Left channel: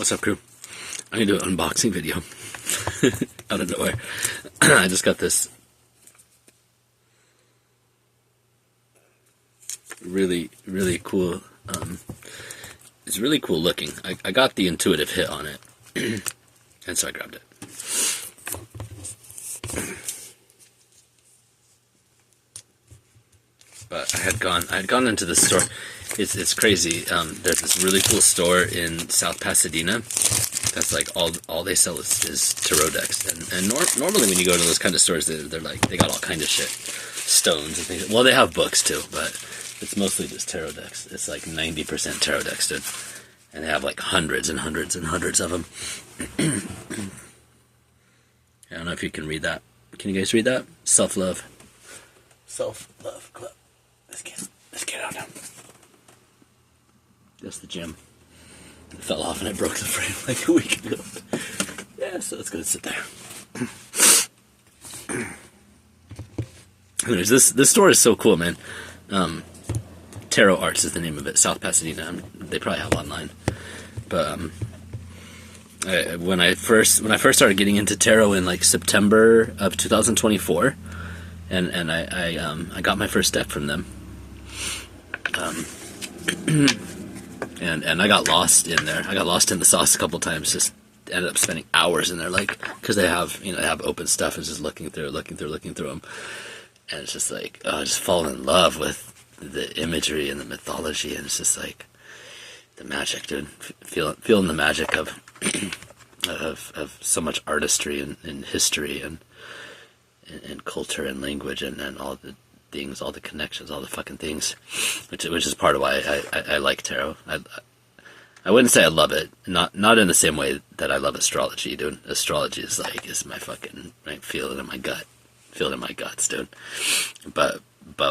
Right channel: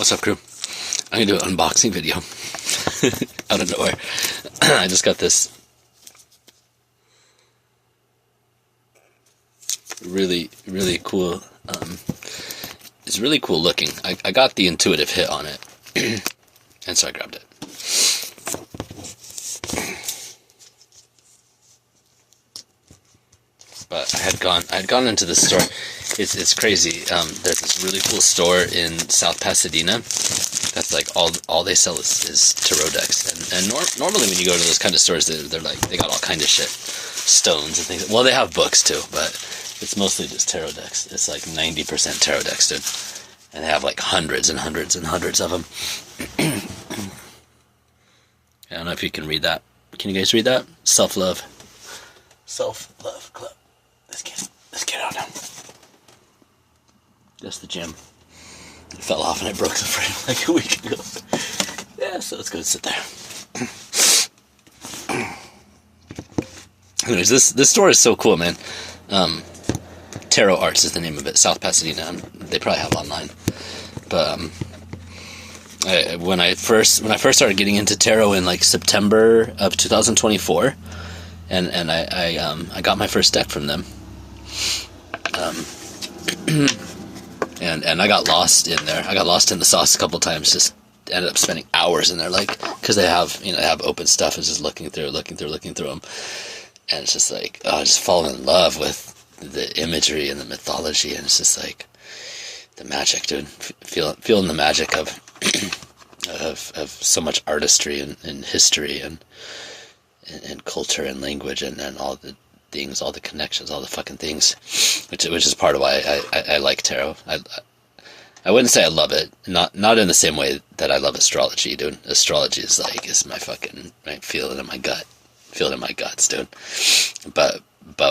What's up, crew? I'm gonna do an unboxing video out of nowhere. I just got this really cool. It's really cool looking. I got the intuitive hit on it, and so I grabbed it. But I had gone into the store. It's crazy. There's this really cool store in South Pasadena. That's like all they sell is tarot decks. And normally when you go to those kind of stores, they're like, they got all kind of shit, stones and things. Well, they have books too, but it's mostly just tarot decks. It's like 90% tarot decks, dude. And they have like hundreds and hundreds and hundreds of them. I don't know if you can read that. Can you guys read that? Self-love club. Let's get out now. That's the gym. It fell off and I broke the frame like a week ago. Yeah, so let's go sit there. Anyways, this store is so cool, man. Tarot Arts is the name of it. South Pasadena. They probably have online. But when I first started getting into tarot in like September of 2024, and I got my first deck from them. And I got lost in there. I got lost in the sauce a couple times. Just ended up spending hours in there, like, because they have open stuff and just looking through them. And it's just like, I just fall in love with the imagery and the mythology, and it's just like the magic, dude. Feeling the magic of so much artistry and history and culture and language and all the things, all the connections, all the fucking things, which is part of why I like tarot. I wouldn't say I love it, not in the same way that I love astrology, dude. Astrology is my fucking, I feel it in my guts, dude. But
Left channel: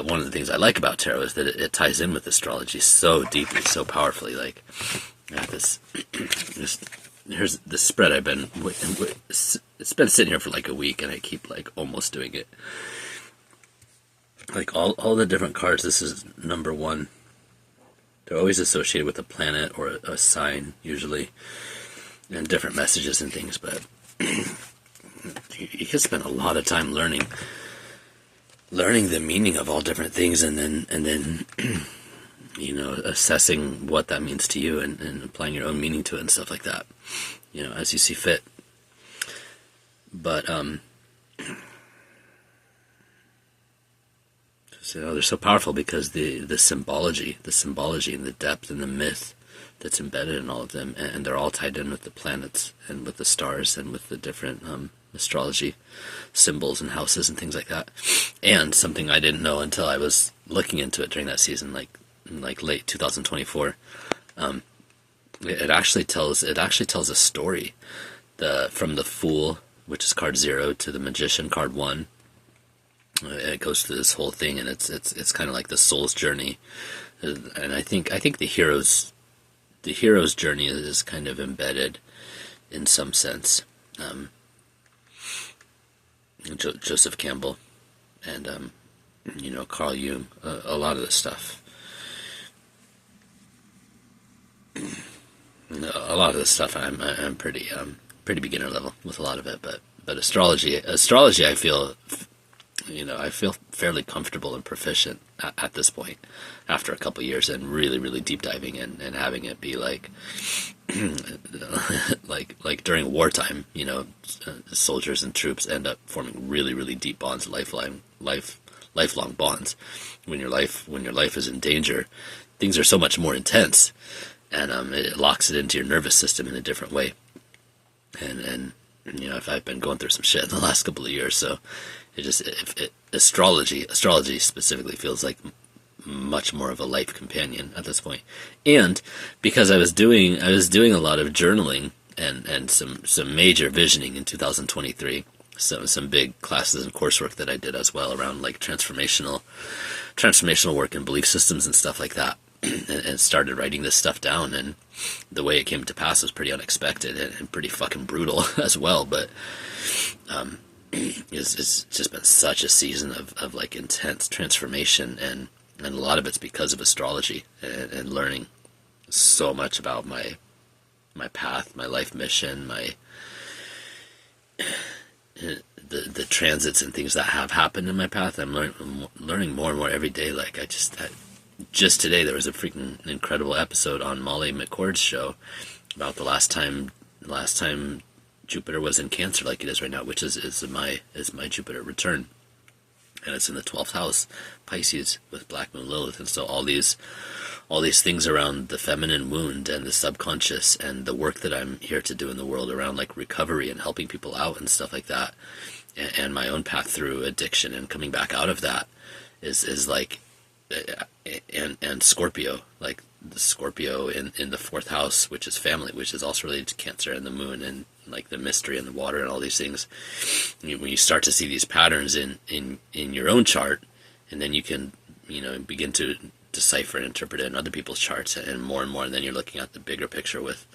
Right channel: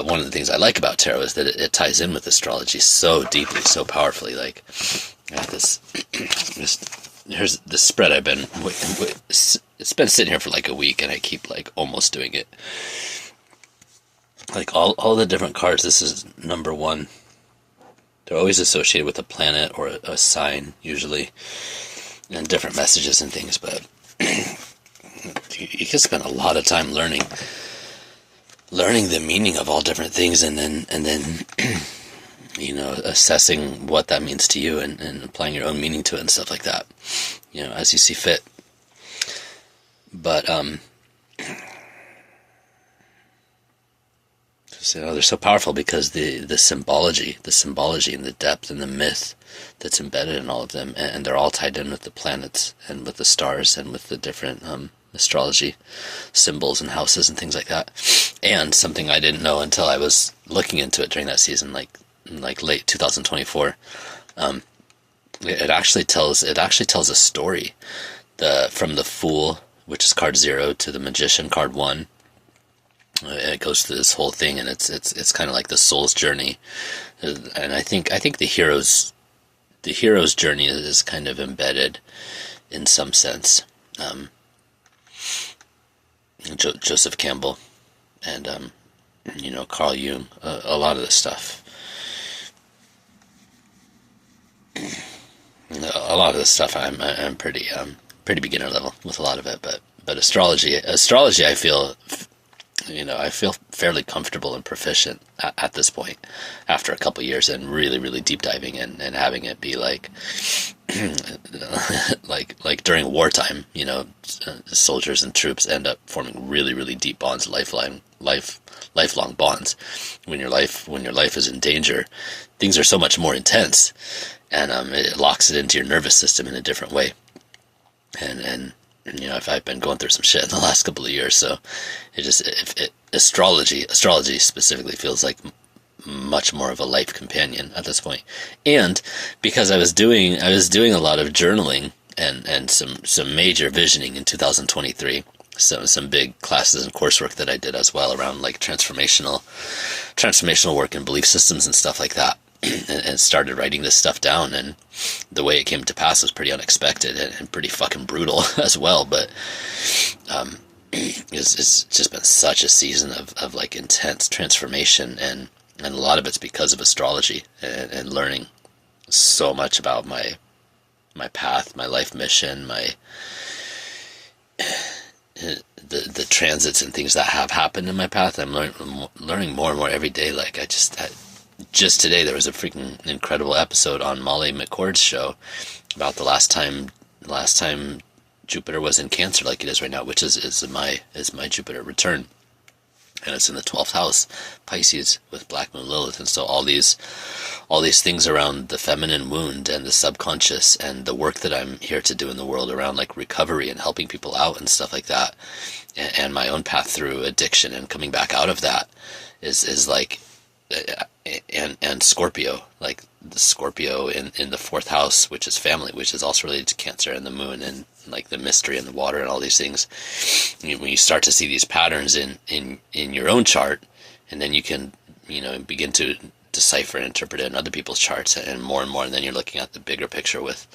one of the things I like about tarot is that it ties in with astrology so deeply, so powerfully. Like, I got this here's the spread I've been it's been sitting here for like a week, and I keep like almost doing it. Like all the different cards, this is number one. They're always associated with a planet or a sign, usually, and different messages and things. But you can spend a lot of time learning the meaning of all different things, and then assessing what that means to you and applying your own meaning to it and stuff like that, as you see fit. But they're so powerful because the symbology and the depth and the myth that's embedded in all of them, and they're all tied in with the planets and with the stars and with the different astrology symbols and houses and things like that. And something I didn't know until I was looking into it during that season, like late 2024, it actually tells a story. From the Fool, which is card 0, to the Magician, card 1. It goes through this whole thing, and it's kind of like the soul's journey. And I think the hero's journey is kind of embedded in some sense. Joseph Campbell and Carl Jung, a lot of this stuff. A lot of this stuff I'm pretty beginner level with a lot of it, but astrology I feel fairly comfortable and proficient at this point, after a couple years and really deep diving and having it be like like during wartime, soldiers and troops end up forming really deep bonds, lifelong bonds. When your life is in danger, things are so much more intense, and it locks it into your nervous system in a different way. And I've been going through some shit in the last couple of years, so astrology specifically feels like much more of a life companion at this point. And because I was doing a lot of journaling and some major visioning in 2023, some big classes and coursework that I did as well around like transformational work and belief systems and stuff like that. And started writing this stuff down, and the way it came to pass was pretty unexpected and pretty fucking brutal as well. But it's just been such a season of like intense transformation, and a lot of it's because of astrology and learning so much about my path, my life mission, the transits and things that have happened in my path. I'm learning more and more every day. Like just today there was a freaking incredible episode on Molly McCord's show about the last time Jupiter was in Cancer like it is right now, which is my Jupiter return. And it's in the 12th house, Pisces, with Black Moon Lilith. And so all these things around the feminine wound and the subconscious and the work that I'm here to do in the world around like recovery and helping people out and stuff like that, and my own path through addiction and coming back out of that is like, and Scorpio, like the Scorpio in the 4th house, which is family, which is also related to Cancer, and the moon and like the mystery and the water and all these things. When you start to see these patterns in your own chart, and then you can, begin to decipher and interpret it in other people's charts, and more, and then you're looking at the bigger picture with,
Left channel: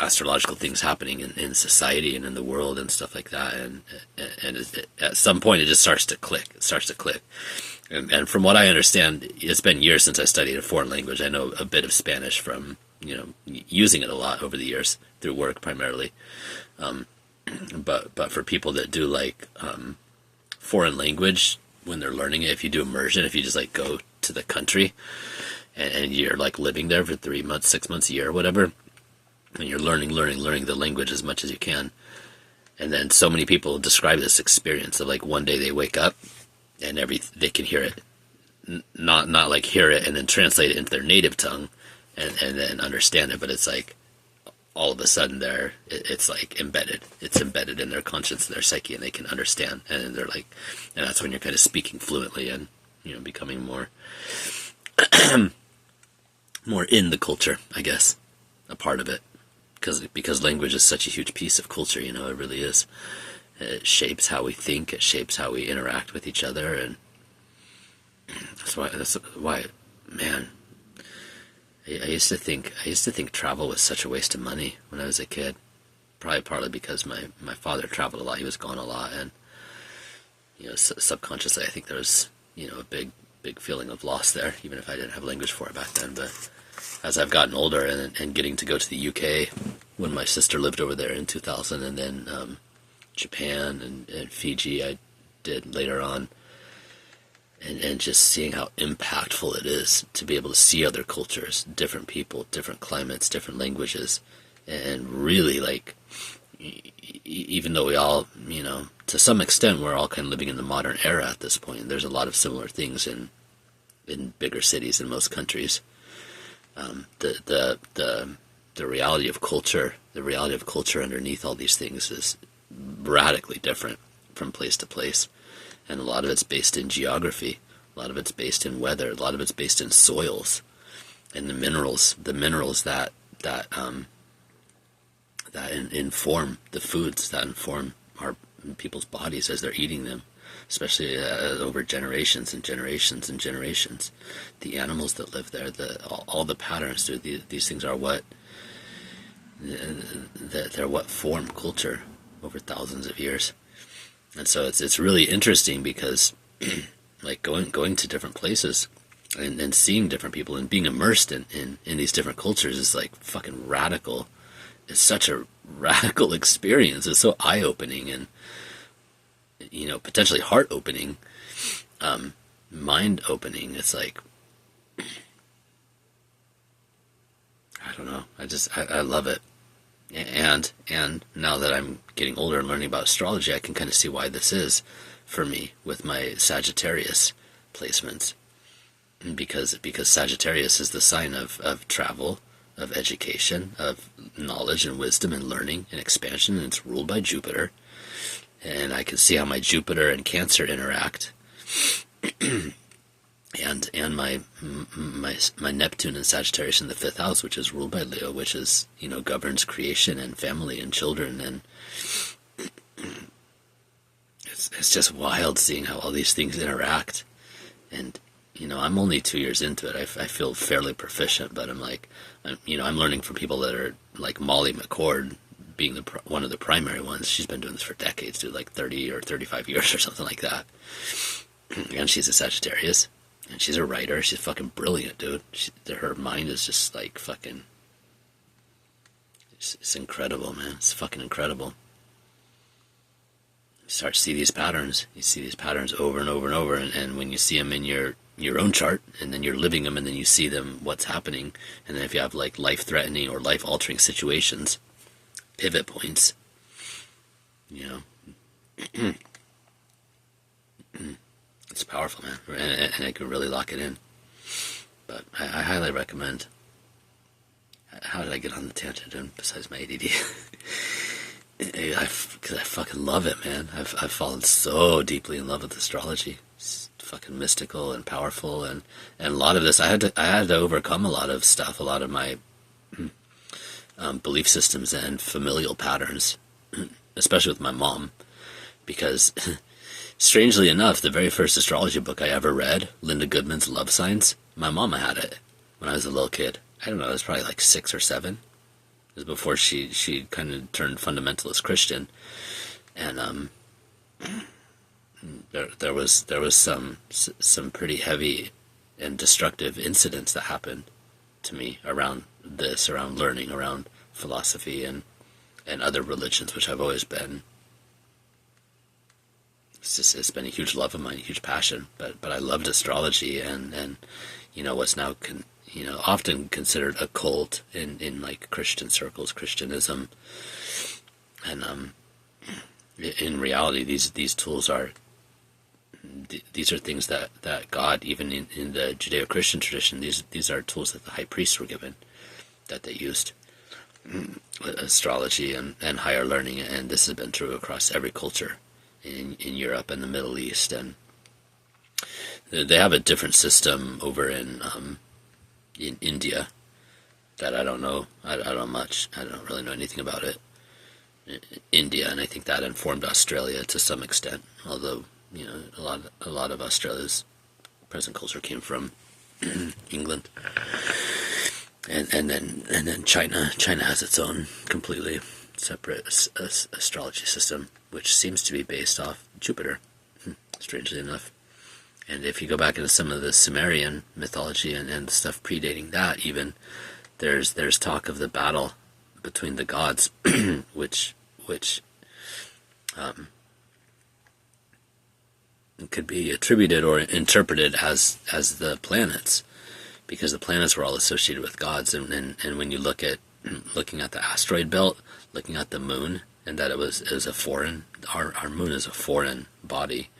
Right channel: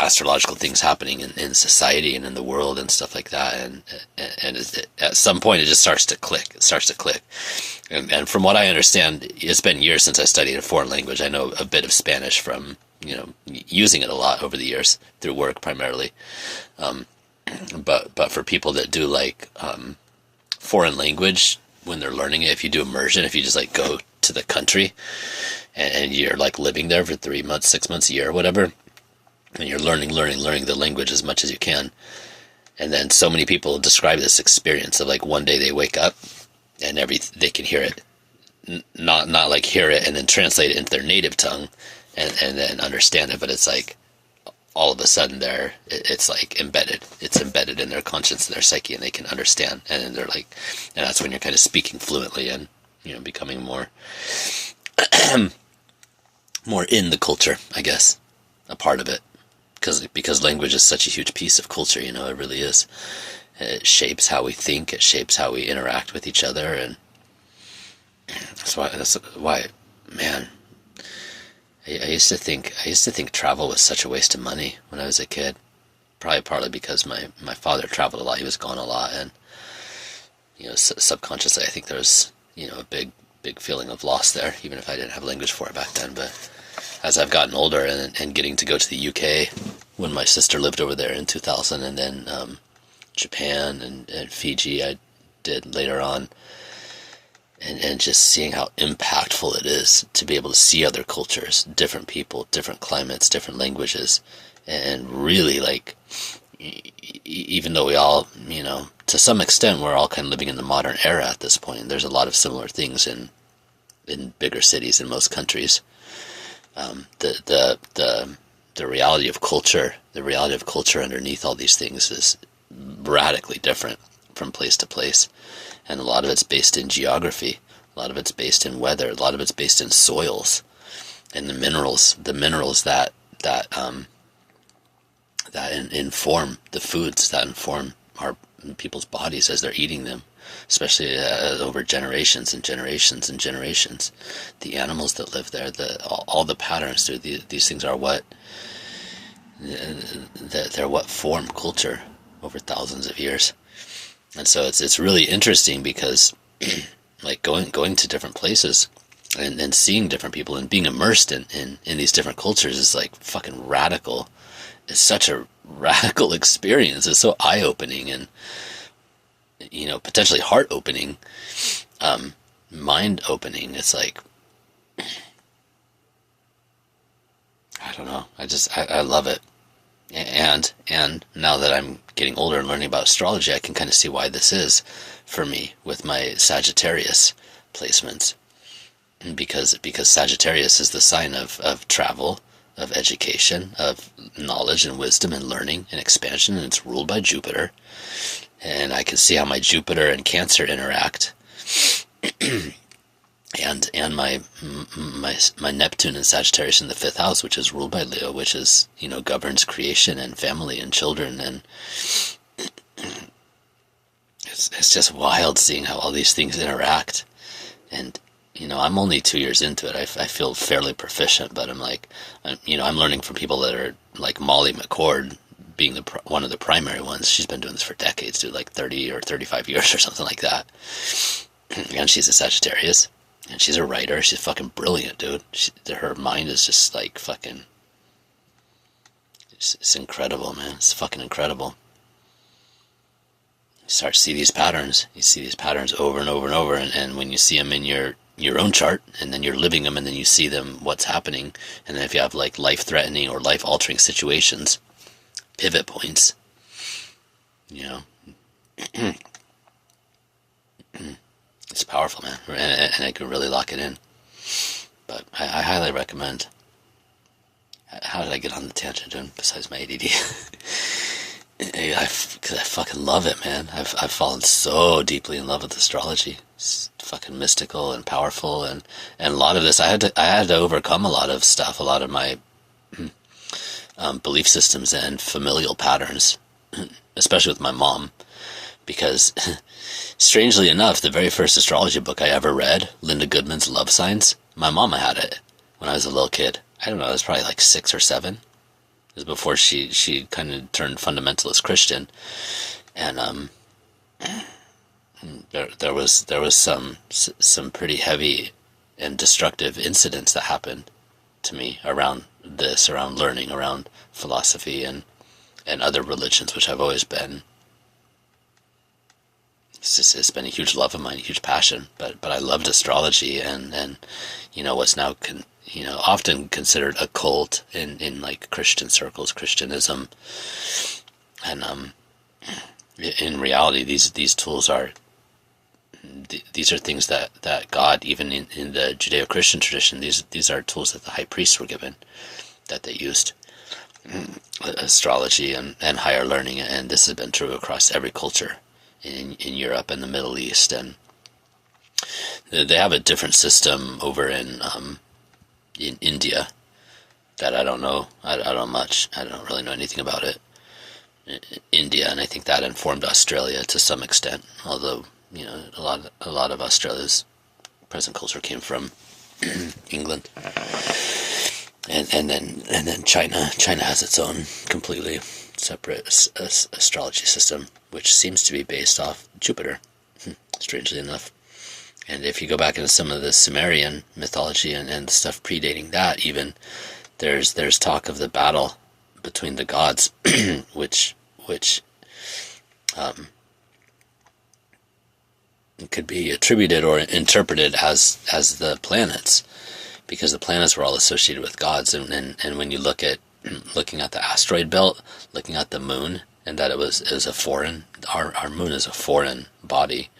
astrological things happening in society and in the world and stuff like that. And at some point it just starts to click. It starts to click. And from what I understand, it's been years since I studied a foreign language. I know a bit of Spanish from, using it a lot over the years through work primarily. But for people that do like foreign language, when they're learning it, if you do immersion, if you just like go to the country and you're like living there for 3 months, 6 months, a year, whatever, and you're learning the language as much as you can. And then so many people describe this experience of like one day they wake up and they can hear it, not like hear it and then translate it into their native tongue and then understand it, but it's like all of a sudden it's like embedded. It's embedded in their conscience, their psyche, and they can understand. And they're like, and that's when you're kind of speaking fluently and becoming more more in the culture, I guess, a part of it, because language is such a huge piece of culture. It really is. It shapes how we think. It shapes how we interact with each other, and that's why, man. I used to think travel was such a waste of money when I was a kid. Probably partly because my father traveled a lot. He was gone a lot, and subconsciously I think there was a big feeling of loss there, even if I didn't have language for it back then. But as I've gotten older and getting to go to the UK when my sister lived over there in 2000, and then Japan and Fiji I did later on, and just seeing how impactful it is to be able to see other cultures, different people, different climates, different languages, and really like, even though we all, to some extent we're all kind of living in the modern era at this point, and there's a lot of similar things in bigger cities in most countries. The reality of culture, underneath all these things is radically different from place to place. And a lot of it's based in geography, a lot of it's based in weather, a lot of it's based in soils and the minerals that inform the foods, that inform our people's bodies as they're eating them, especially over generations and generations and generations. The animals that live there, all the patterns, these things are they're what form culture over thousands of years. And so it's really interesting because like going to different places and seeing different people and being immersed in these different cultures is like fucking radical. It's such a radical experience. It's so eye-opening and potentially heart-opening, mind-opening. It's like, I don't know. I love it. And now that I'm getting older and learning about astrology, I can kind of see why this is for me with my Sagittarius placements. Because Sagittarius is the sign of travel, of education, of knowledge and wisdom and learning and expansion, and it's ruled by Jupiter. And I can see how my Jupiter and Cancer interact. and my Neptune and Sagittarius in the 5th house, which is ruled by Leo, which is, governs creation and family and children. And it's just wild seeing how all these things interact. And, I'm only 2 years into it. I feel fairly proficient, but I'm learning from people that are like Molly McCord being one of the primary ones. She's been doing this for decades, dude, like 30 or 35 years or something like that. And she's a Sagittarius. And she's a writer. She's fucking brilliant, dude. Her mind is just like fucking It's incredible, man. It's fucking incredible. You start to see these patterns. You see these patterns over and over and over, and when you see them in your own chart, and then you're living them, and then you see them, what's happening, and then if you have like life-threatening or life-altering situations, pivot points, you know, it's powerful, man, and I can really lock it in. But I highly recommend. How did I get on the tangent besides my ADD? Because I fucking love it, man. I've fallen so deeply in love with astrology. It's fucking mystical and powerful, and a lot of this I had to overcome a lot of stuff, a lot of my belief systems and familial patterns, especially with my mom, because strangely enough, the very first astrology book I ever read, Linda Goodman's Love Signs, my mama had it when I was a little kid. I don't know, I was probably like 6 or 7. It was before she kind of turned fundamentalist Christian, and there was some pretty heavy and destructive incidents that happened to me around this, around learning, around philosophy and other religions, which I've always been. It's been a huge love of mine, a huge passion. But I loved astrology, and you know, what's now often considered a cult in like Christian circles, Christianism, and in reality, these tools are things that God, even in the Judeo-Christian tradition, these are tools that the high priests were given, that they used. Astrology and higher learning, and this has been true across every culture in Europe and the Middle East, and they have a different system over in India that I don't know. I don't really know anything about it. India, and I think that informed Australia to some extent. Although, you know, a lot of Australia's present culture came from England, and then China. China has its own completely separate astrology system, which seems to be based off Jupiter, strangely enough. And if you go back into some of the Sumerian mythology and the stuff predating that, even there's talk of the battle between the gods, which could be attributed or interpreted as the planets, because the planets were all associated with gods. And when you looking at the asteroid belt, looking at the moon, and that it was a foreign, our moon is a foreign body.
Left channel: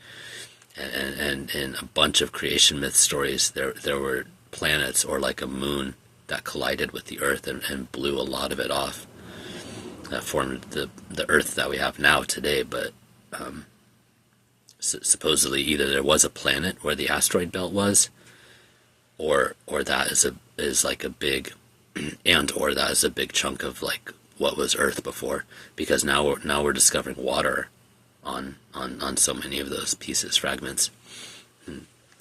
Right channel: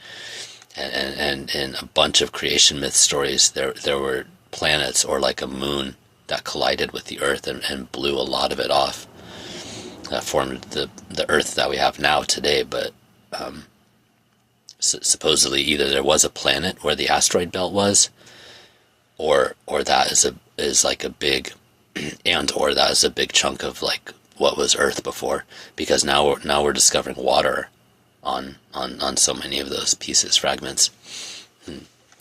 And in a bunch of creation myth stories, there were planets or like a moon that collided with the Earth and blew a lot of it off. That formed the Earth that we have now today. But supposedly either there was a planet where the asteroid belt was, or that is like a big, or that is a big chunk of like what was Earth before. Because now we're discovering water on so many of those pieces, fragments.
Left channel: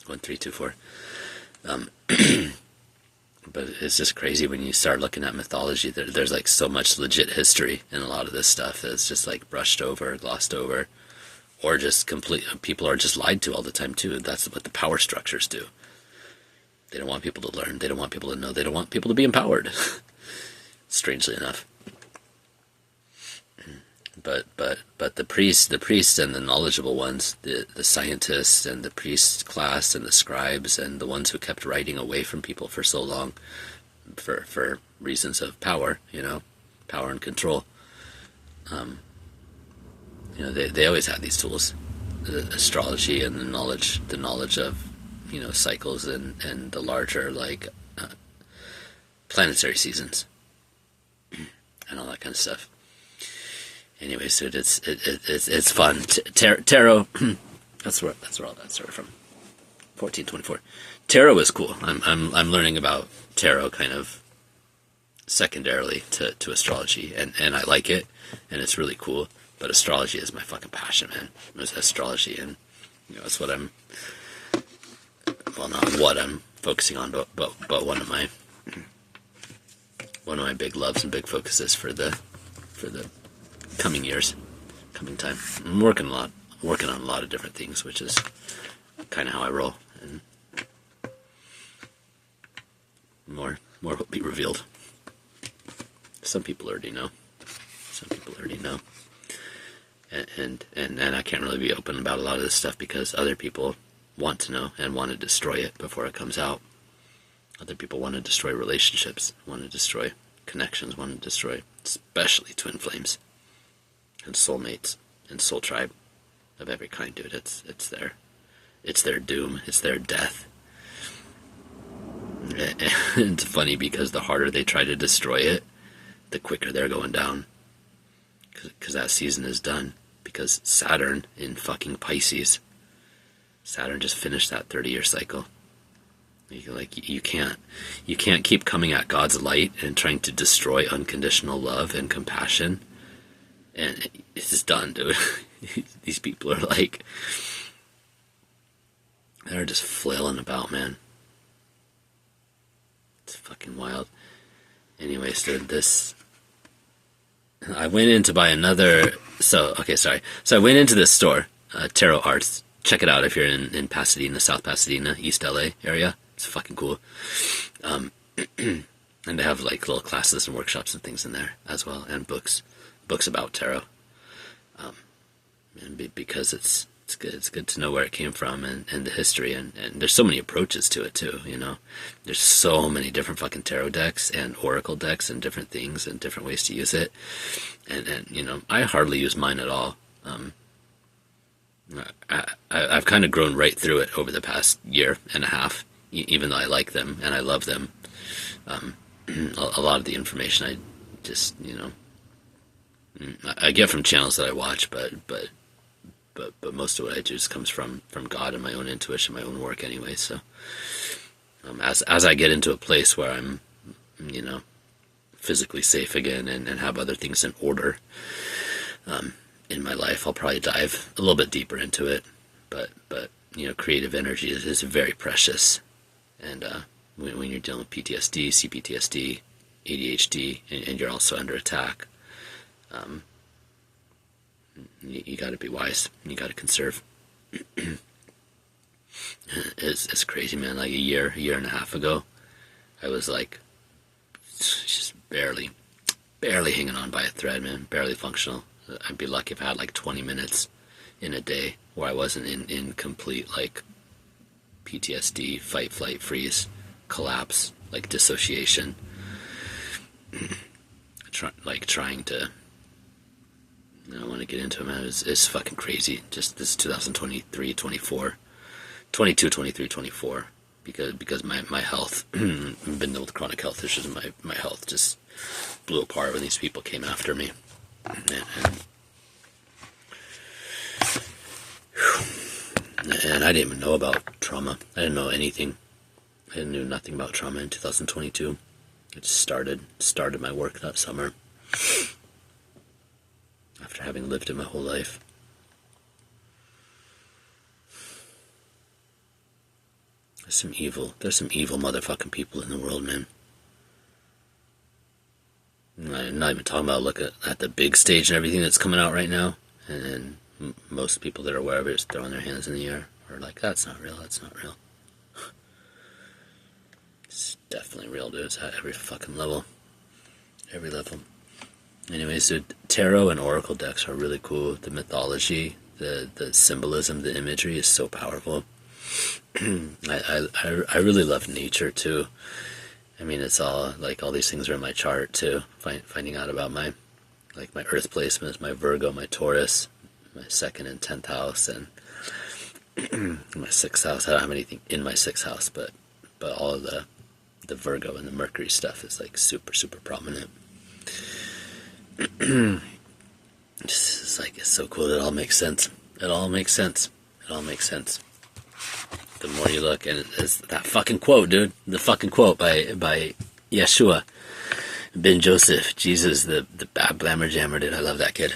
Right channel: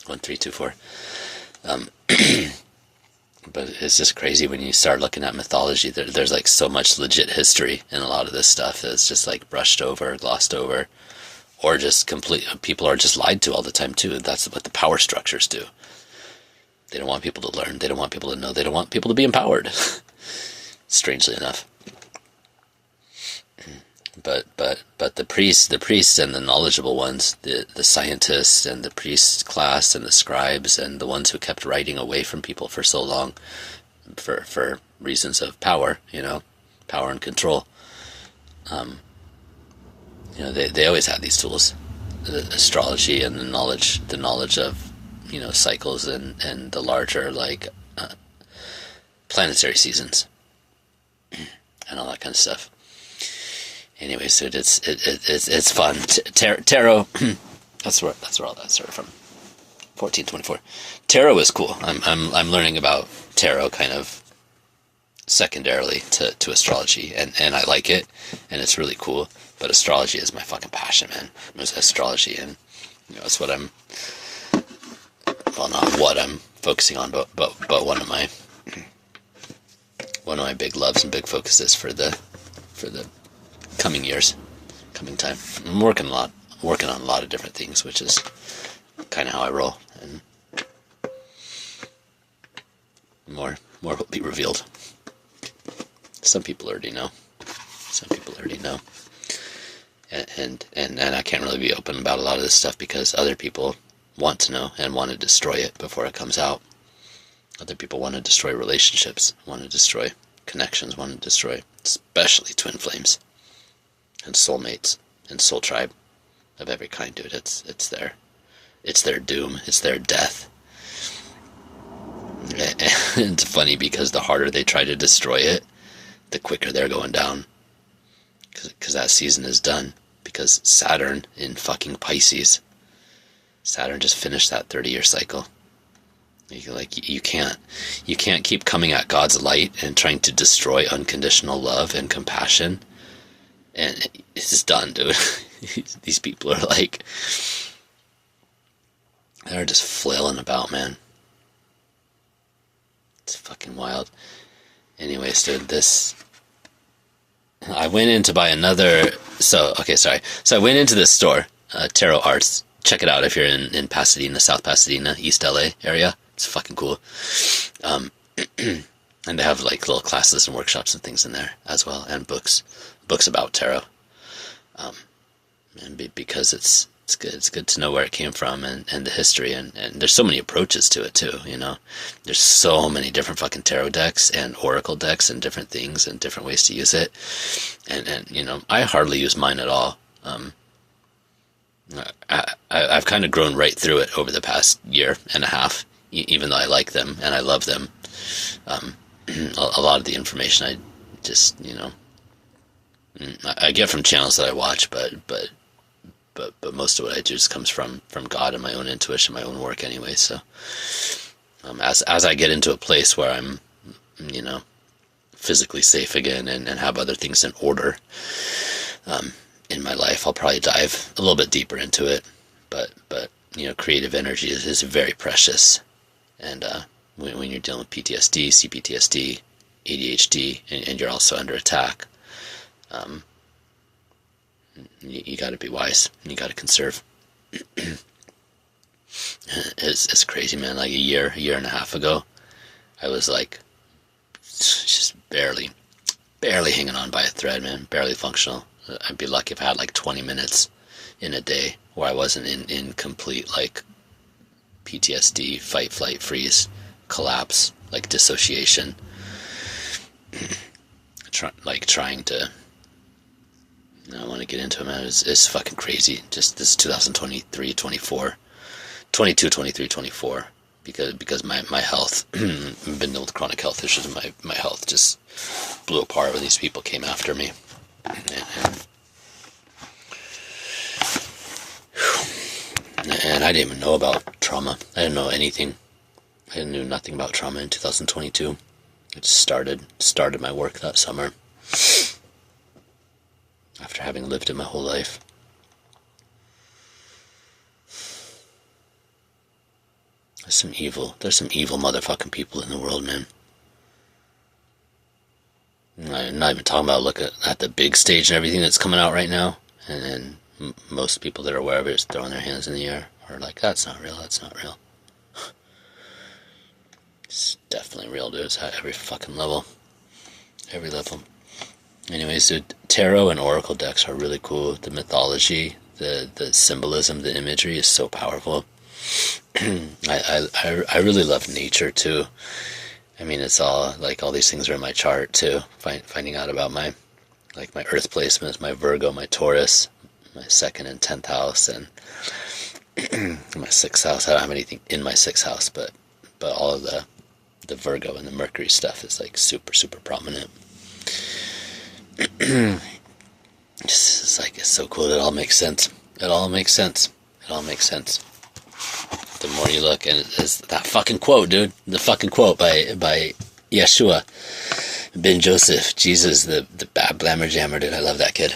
1, 3, 2, 4. But it's just crazy when you start looking at mythology. There's like so much legit history in a lot of this stuff that's just like brushed over, glossed over, or just people are just lied to all the time too. That's what the power structures do. They don't want people to learn. They don't want people to know. They don't want people to be empowered. Strangely enough. But the priests and the knowledgeable ones, the scientists and the priest class and the scribes and the ones who kept writing away from people for so long, for reasons of power, power and control. They always had these tools, the astrology and the knowledge of, cycles and the larger planetary seasons and all that kind of stuff. Anyway, so it's fun. Tarot. That's where all that started from. 1424. Tarot is cool. I'm learning about tarot kind of secondarily to astrology, and I like it, and it's really cool. But astrology is my fucking passion, man. It's astrology, and it's what I'm. Well, not what I'm focusing on, but one of my big loves and big focuses for the coming years, coming time. I'm working on a lot of different things, which is kind of how I roll, and more will be revealed. Some people already know. Some people already know. And I can't really be open about a lot of this stuff because other people want to know and want to destroy it before it comes out. Other people want to destroy relationships, want to destroy connections, want to destroy especially twin flames and soulmates and soul tribe of every kind, dude. It's their doom, it's their death. And it's funny because the harder they try to destroy it, the quicker they're going down. Because that season is done. Because Saturn in fucking Pisces, Saturn just finished that 30-year cycle. You can't keep coming at God's light and trying to destroy unconditional love and compassion. And it's just done, dude. These people are like, they're just flailing about, man. It's fucking wild. Anyways, dude, I went in to buy another, so I went into this store, Tarot Arts. Check it out if you're in Pasadena, South Pasadena, East LA area. It's fucking cool. And they have like little classes and workshops and things in there as well, and books about tarot. And because it's good to know where it came from and the history, and there's so many approaches to it too, you know. There's so many different fucking tarot decks and oracle decks and different things and different ways to use it. And you know, I hardly use mine at all. I've kind of grown right through it over the past year and a half, even though I like them and I love them. A lot of the information I just, you know, I get from channels that I watch, but most of what I do just comes from God and my own intuition, my own work anyway. So as I get into a place where I'm, you know, physically safe again and have other things in order in my life, I'll probably dive a little bit deeper into it. But you know, creative energy is very precious. And when you're dealing with PTSD, C-PTSD, ADHD, and you're also under attack, you got to be wise. You got to conserve. It's crazy, man. Like a year and a half ago, I was like just barely hanging on by a thread, man. Barely functional. I'd be lucky if I had like 20 minutes in a day where I wasn't in complete like PTSD, fight, flight, freeze, collapse, like dissociation. Trying to, I don't want to get into it, man. It's fucking crazy. Just this 2023, 24, 22, 23, 24, because my health, I've been dealing with chronic health issues, and my health just blew apart when these people came after me. And I didn't even know about trauma. I didn't know anything. I knew nothing about trauma in 2022. I just started my work that summer after having lived it my whole life. There's some evil motherfucking people in the world, man. I'm not even talking about looking at the big stage and everything that's coming out right now, and most people that are aware of it is throwing their hands in the air or like, that's not real. It's definitely real, dude. It's at every fucking level. Every level. Anyways, dude, tarot and oracle decks are really cool. The mythology, the symbolism, the imagery is so powerful. I really love nature too. I mean, it's all like all these things are in my chart too. Finding out about my earth placements, my Virgo, my Taurus, my 2nd and 10th house, and my 6th house. I don't have anything in my 6th house, but all of the Virgo and the Mercury stuff is like super, super prominent. It's so cool. It all makes sense. The more you look, and it's that fucking quote, dude. The fucking quote by Yeshua ben Joseph, Jesus, the bad blammer jammer, dude. I love that kid.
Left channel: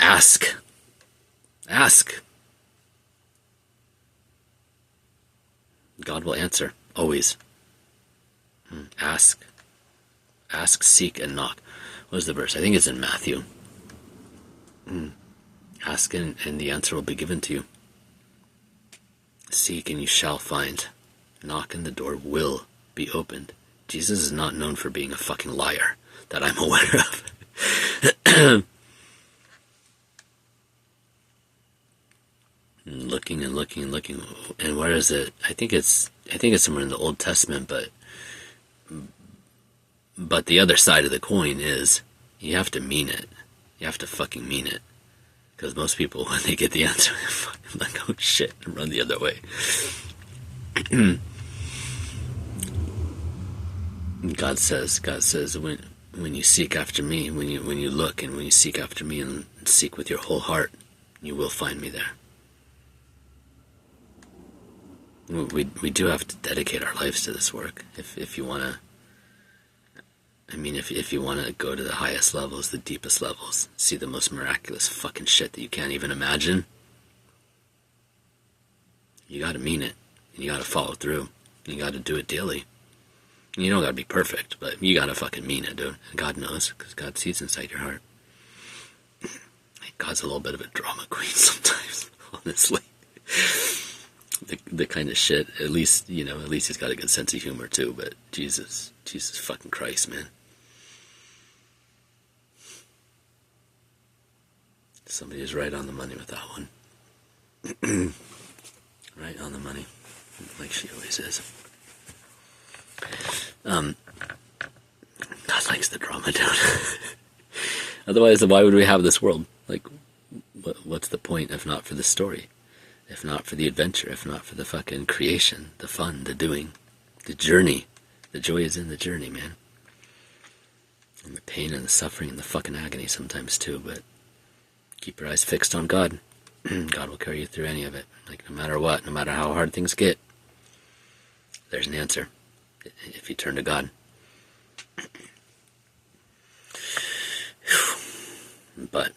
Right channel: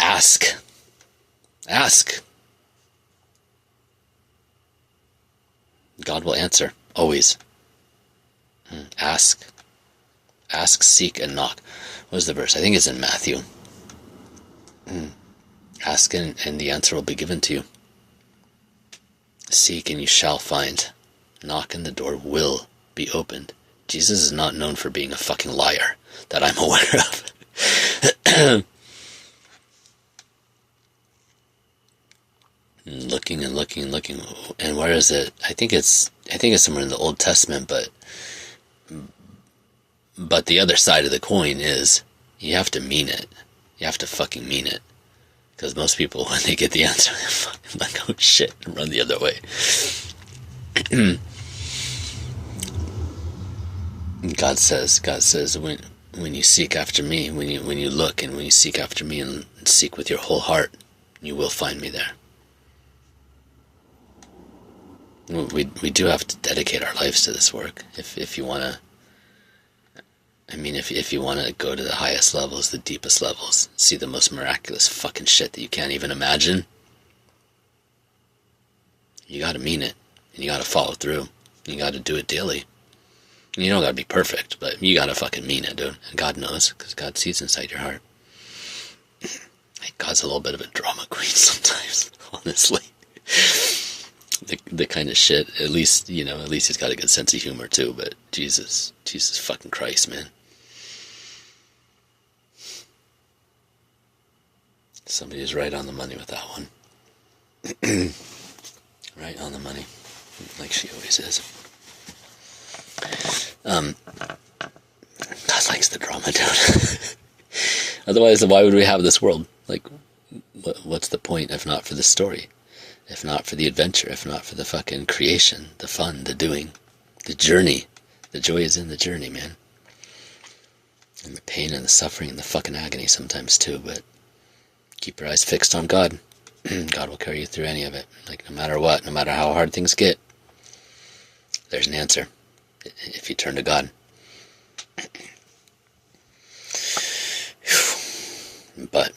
Ask. God will answer, always. Ask, seek, and knock. What is the verse? I think it's in Matthew. Ask and the answer will be given to you. Seek and you shall find. Knock and the door will be opened. Jesus is not known for being a fucking liar that I'm aware of. Looking and looking and looking, and where is it? I think it's somewhere in the Old Testament, but the other side of the coin is you have to mean it. You have to fucking mean it. Because most people, when they get the answer, they're fucking like, oh shit, and run the other way. God says, when you seek after me, when you look and when you seek after me and seek with your whole heart, you will find me there. We do have to dedicate our lives to this work. If you want to, I mean, if you want to go to the highest levels, the deepest levels, see the most miraculous fucking shit that you can't even imagine, you got to mean it, and you got to follow through. You got to do it daily. You don't got to be perfect, but you got to fucking mean it, dude. And God knows, because God sees inside your heart. God's a little bit of a drama queen sometimes, honestly. The kind of shit, at least he's got a good sense of humor too, but Jesus fucking Christ, man. Somebody is right on the money with that one. Right on the money, like she always is. God likes the drama, dude. Otherwise, why would we have this world? Like, what's the point if not for the story? If not for the adventure, if not for the fucking creation, the fun, the doing, the journey. The joy is in the journey, man. And the pain and the suffering and the fucking agony sometimes too, but keep your eyes fixed on God. God will carry you through any of it. Like, no matter what, no matter how hard things get, there's an answer if you turn to God. But,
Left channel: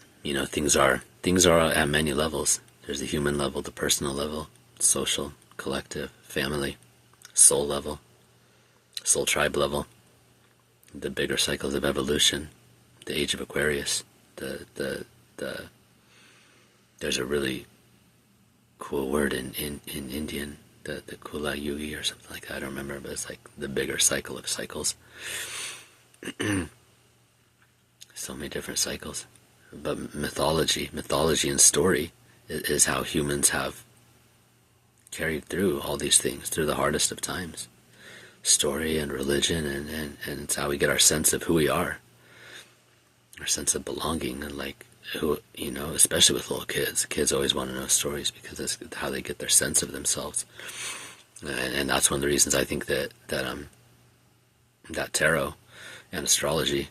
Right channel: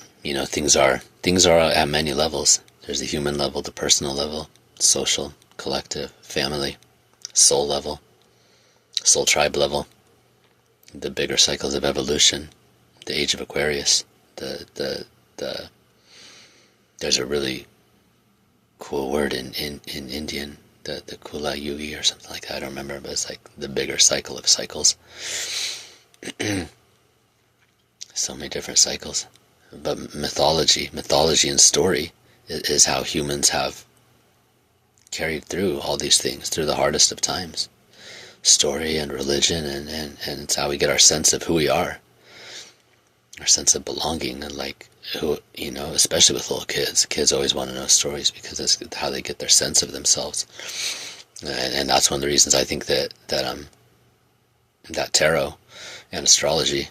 things are at many levels. There's the human level, the personal level, social, collective, family, soul level, soul tribe level, the bigger cycles of evolution, the age of Aquarius, there's a really cool word in Indian, the Kula Yugi or something like that, I don't remember, but it's like the bigger cycle of cycles. So many different cycles. But mythology and story is how humans have carried through all these things, through the hardest of times. Story and religion, and it's how we get our sense of who we are, our sense of belonging, and like who, especially with little kids. Kids always want to know stories because that's how they get their sense of themselves. And that's one of the reasons I think that tarot and astrology,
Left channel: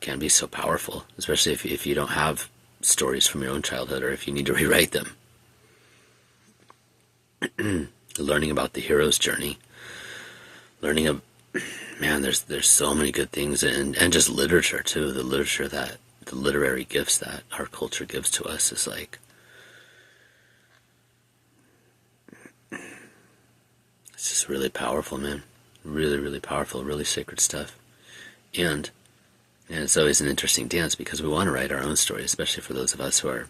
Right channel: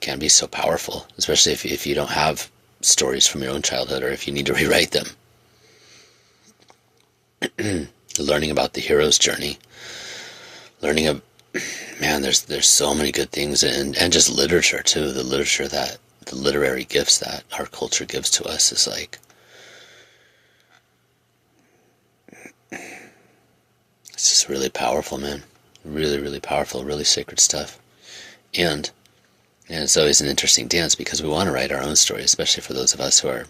can be so powerful, especially if you don't have stories from your own childhood, or if you need to rewrite them. Learning about the hero's journey, learning of, man, there's so many good things, and just literature too. The literary gifts that our culture gives to us is like, it's just really powerful, man. Really, really powerful, really sacred stuff. And it's always an interesting dance because we want to write our own story, especially for those of us who are,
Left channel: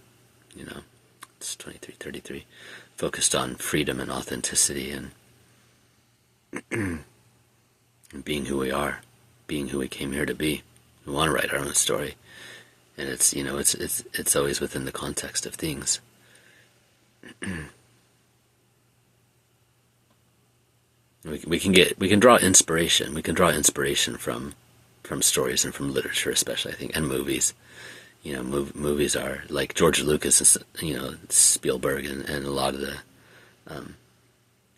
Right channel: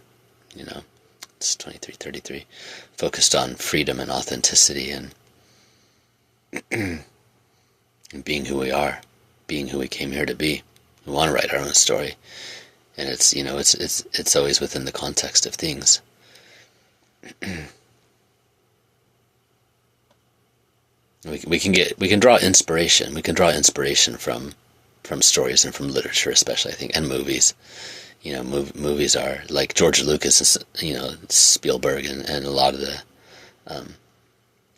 it's 23, 33, focused on freedom and authenticity and being who we are, being who we came here to be. We want to write our own story. And it's, it's always within the context of things. We can draw inspiration. We can draw inspiration from stories and from literature, especially, I think, and movies. Movies are like George Lucas, Spielberg, and a lot of the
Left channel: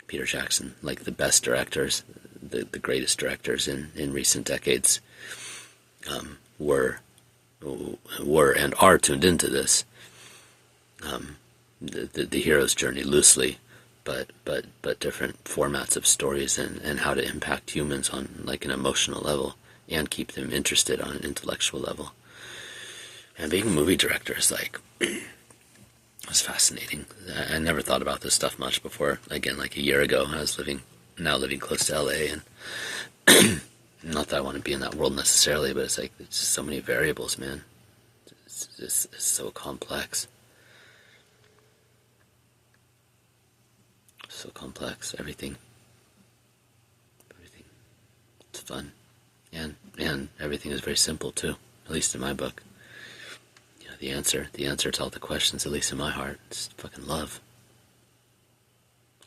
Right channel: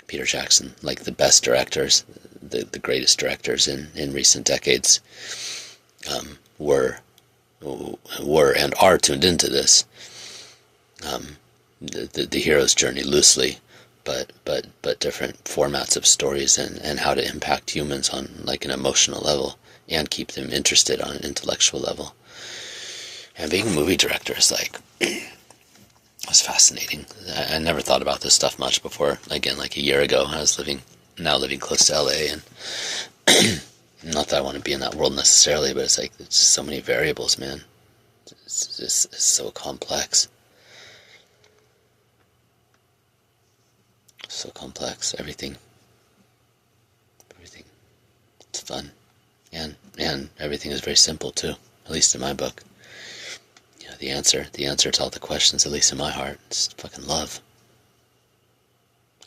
Peter Jackson, like the best directors, the greatest directors in recent decades, were and are tuned into this, the hero's journey loosely, but different formats of stories and how to impact humans on like an emotional level and keep them interested on an intellectual level. And being a movie director is like, it's fascinating. I never thought about this stuff much before. Again, like a year ago, I was living close to LA, and not that I want to be in that world necessarily, but it's like, there's just so many variables, man. It's so complex. So complex, everything. fun. And everything is very simple too, at least in my book. You know, the answer to all the questions, at least in my heart, is fucking love.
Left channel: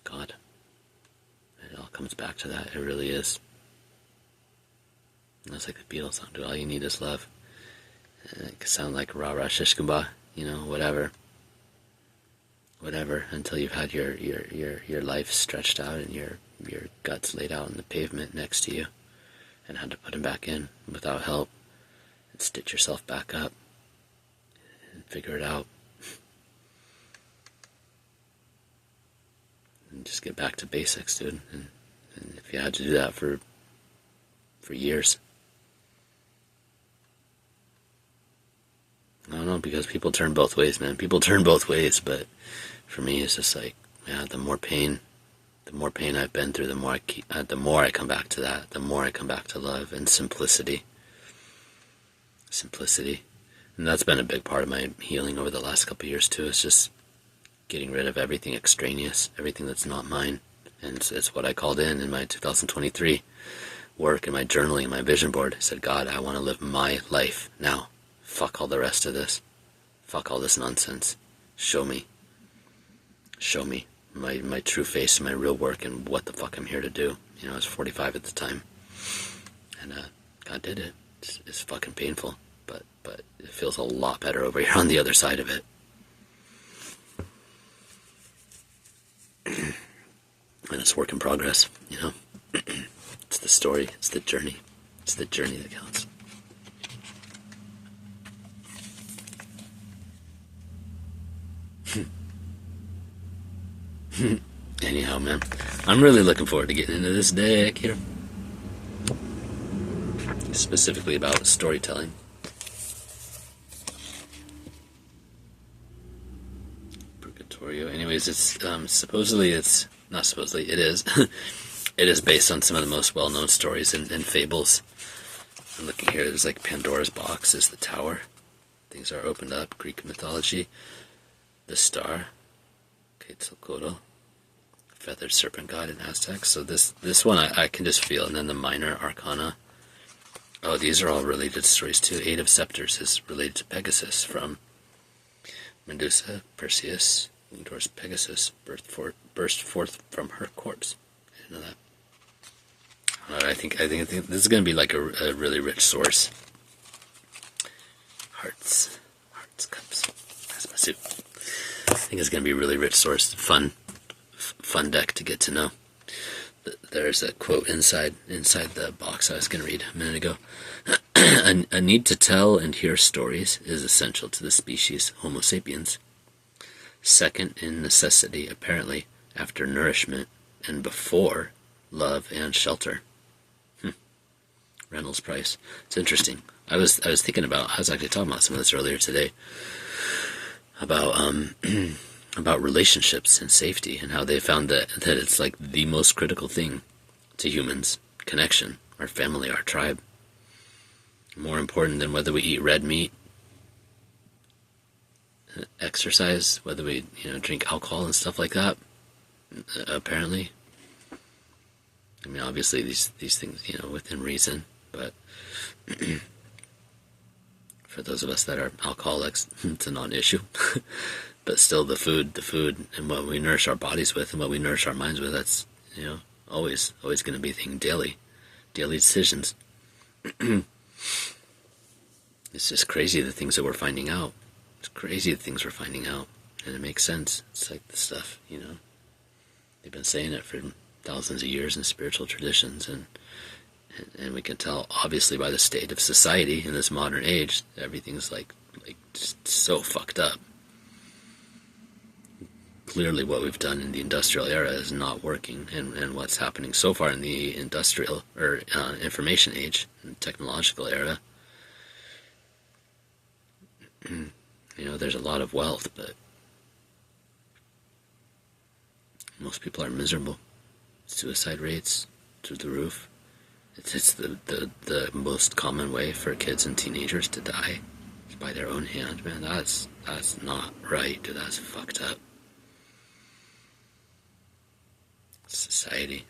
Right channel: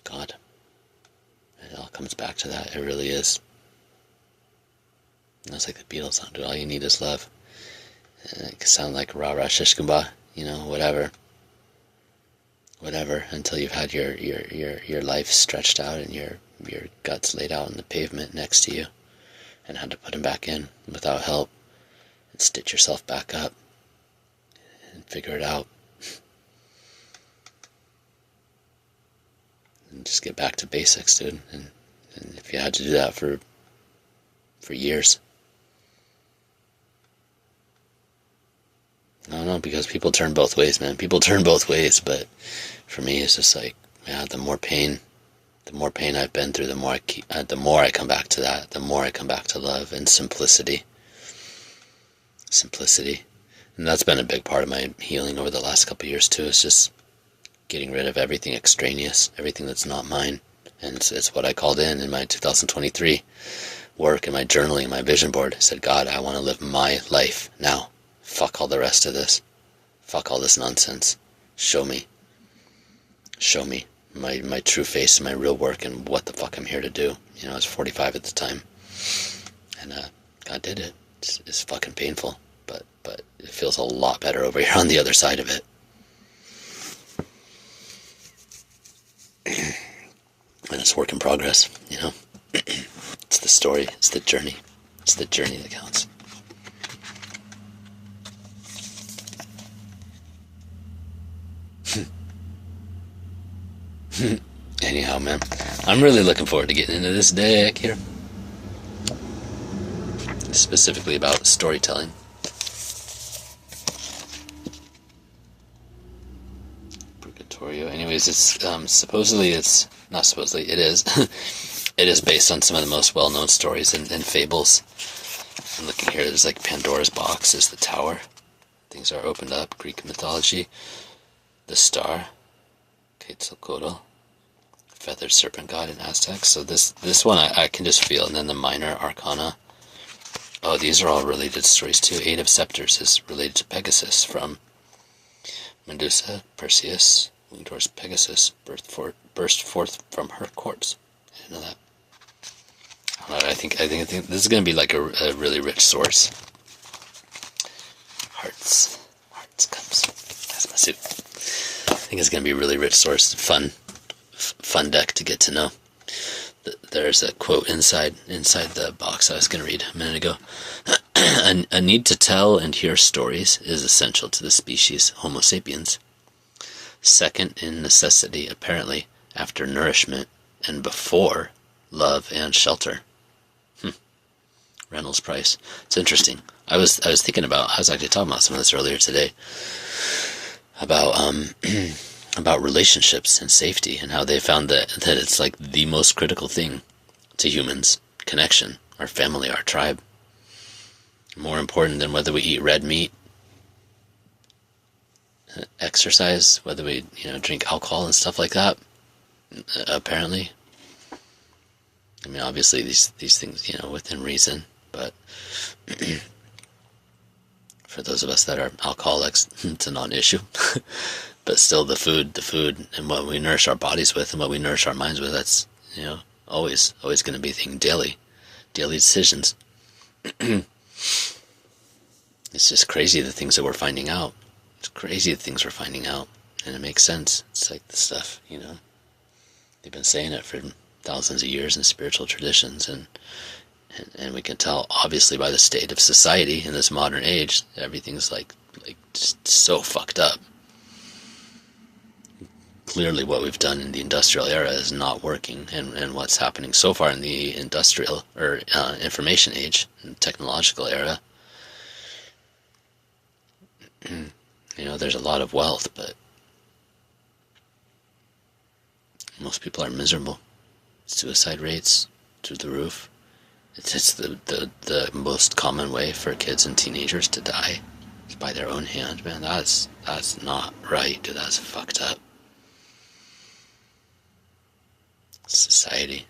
God. It all comes back to that. It really is. And that's like the Beatles song, dude. All you need is love. And it can sound like rah rah shish kumbah, you know, whatever, until you've had your life stretched out and your guts laid out on the pavement next to you, and had to put them back in without help, and stitch yourself back up and figure it out, and just get back to basics, dude. And if you had to do that for years, I don't know, because people turn both ways, man. People turn both ways, but for me, it's just like, yeah, the more pain I've been through, the more I come back to that. The more I come back to love and simplicity. And that's been a big part of my healing over the last couple of years too. It's just getting rid of everything extraneous, everything that's not mine. And it's what I called in my 2023 work and my journaling and my vision board. I said, God, I want to live my life now. Fuck all the rest of this. Fuck all this nonsense. Show me my true face and my real work and what the fuck I'm here to do. You know, I was 45 at the time, and God did it. It's fucking painful, but it feels a lot better over here on the other side of it. And it's work in progress, you know. It's the story, it's the journey that counts. Anyhow, man, I'm really looking forward to getting into this deck here. Specifically about storytelling. Purgatorio. Anyways, it's it is. It is based on some of the most well-known stories and fables. I'm looking here, there's like Pandora's box is the tower. Things are opened up, Greek mythology. The star, Quetzalcoatl, feathered serpent god in Aztec. So this one I can just feel. And then the minor arcana. Oh, these are all related stories too. Eight of Scepters is related to Pegasus, from Medusa, Perseus, winged horse Pegasus, burst forth from her corpse. I didn't know that. I think this is going to be like a really rich source. Hearts, cups. That's my suit. I think it's going to be a really rich source. Fun deck to get to know. There's a quote inside the box I was going to read a minute ago. A need to tell and hear stories is essential to the species Homo sapiens. Second in necessity, apparently, after nourishment and before love and shelter. Reynolds Price. It's interesting. I was actually talking about some of this earlier today, about relationships and safety, and how they found that it's like the most critical thing to humans. Connection, our family, our tribe. More important than whether we eat red meat, exercise, whether we drink alcohol and stuff like that. Apparently, I mean, obviously these things, within reason, but for those of us that are alcoholics, it's a non-issue. But still, the food and what we nourish our bodies with and what we nourish our minds with, that's, always going to be a thing. Daily decisions. It's just crazy the things that we're finding out. It's crazy the things we're finding out, and it makes sense. It's like the stuff, they've been saying it for thousands of years in spiritual traditions, and we can tell obviously by the state of society in this modern age, everything's like just so fucked up. Clearly what we've done in the industrial era is not working, and what's happening so far in the industrial or information age and technological era, there's a lot of wealth, but most people are miserable. Suicide rates through the roof. It's the most common way for kids and teenagers to die, is by their own hand. Man, that's not right, dude. That's fucked up. Society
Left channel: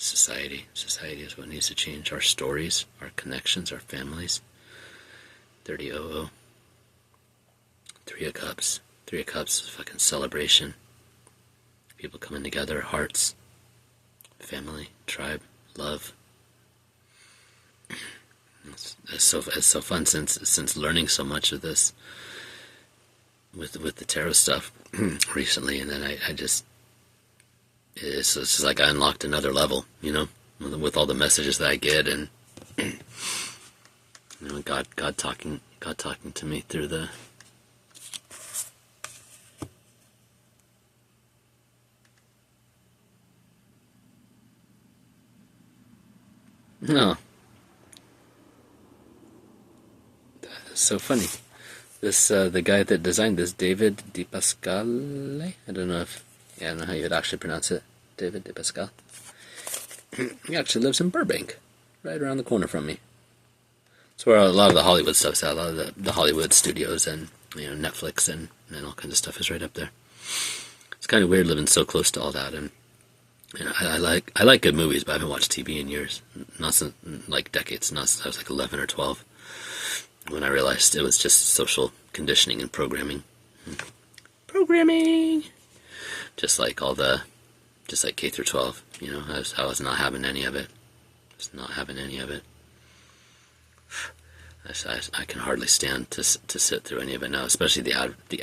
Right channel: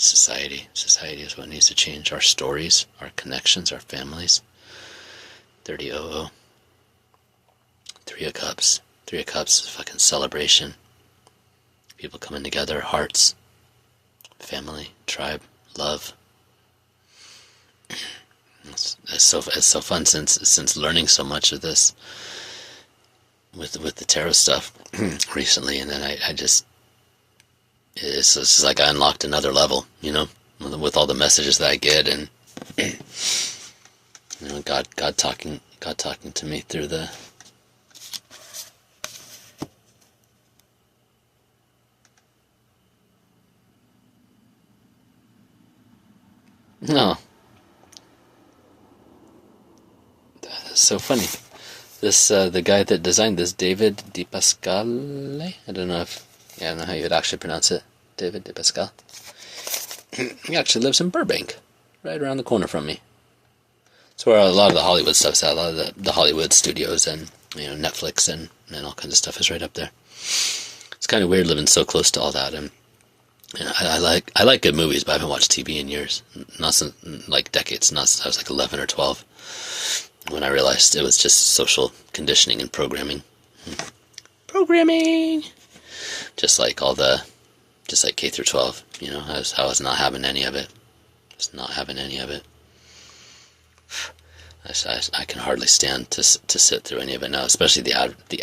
Society is what needs to change. Our stories, our connections, our families. 30-00. Three of Cups. Three of Cups is a fucking celebration. People coming together, hearts, family, tribe, love. It's so fun since learning so much of this with the tarot stuff recently, and then I just it's just like I unlocked another level, you know, with all the messages that I get, and you know, God talking to me through the. No. That's so funny. This the guy that designed this, David DePasquale. I don't know how you would actually pronounce it. David DePasquale. He actually lives in Burbank, right around the corner from me. It's where a lot of the Hollywood stuff's at. A lot of the Hollywood studios and, you know, Netflix and all kinds of stuff is right up there. It's kind of weird living so close to all that. And you know, I like good movies, but I haven't watched TV in years, not since, like, decades. Not since I was like 11 or 12, when I realized it was just social conditioning and programming. Just like K through 12. You know, I was not having any of it. Just not having any of it. I can hardly stand to sit through any of it now, especially the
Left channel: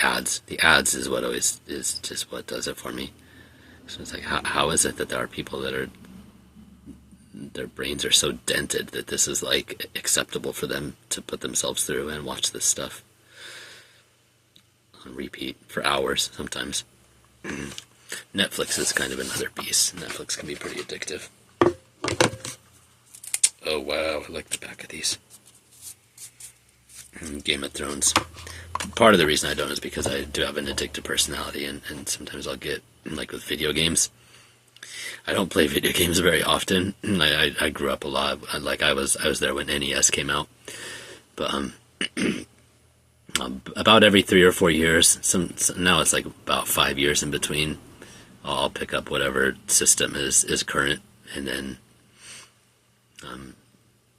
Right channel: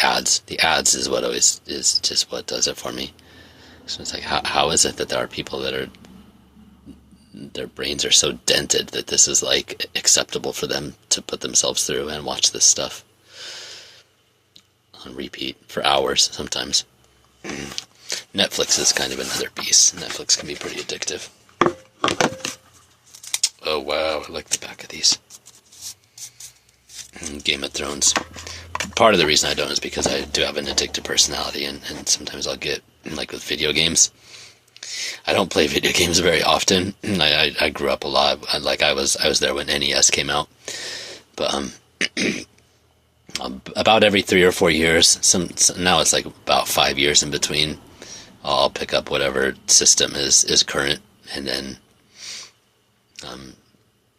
ads. The ads is what always is just what does it for me. So it's like, how is it that there are people that their brains are so dented that this is like acceptable for them to put themselves through and watch this stuff on repeat for hours sometimes. Netflix is kind of another beast. Netflix can be pretty addictive. Oh wow, I like the back of these. Game of Thrones. Part of the reason I don't is because I do have an addictive personality, and sometimes I'll get, like with video games. I don't play video games very often. I grew up a lot. I was there when NES came out. But about every 3 or 4 years, now it's like about 5 years in between, I'll pick up whatever system is current, and then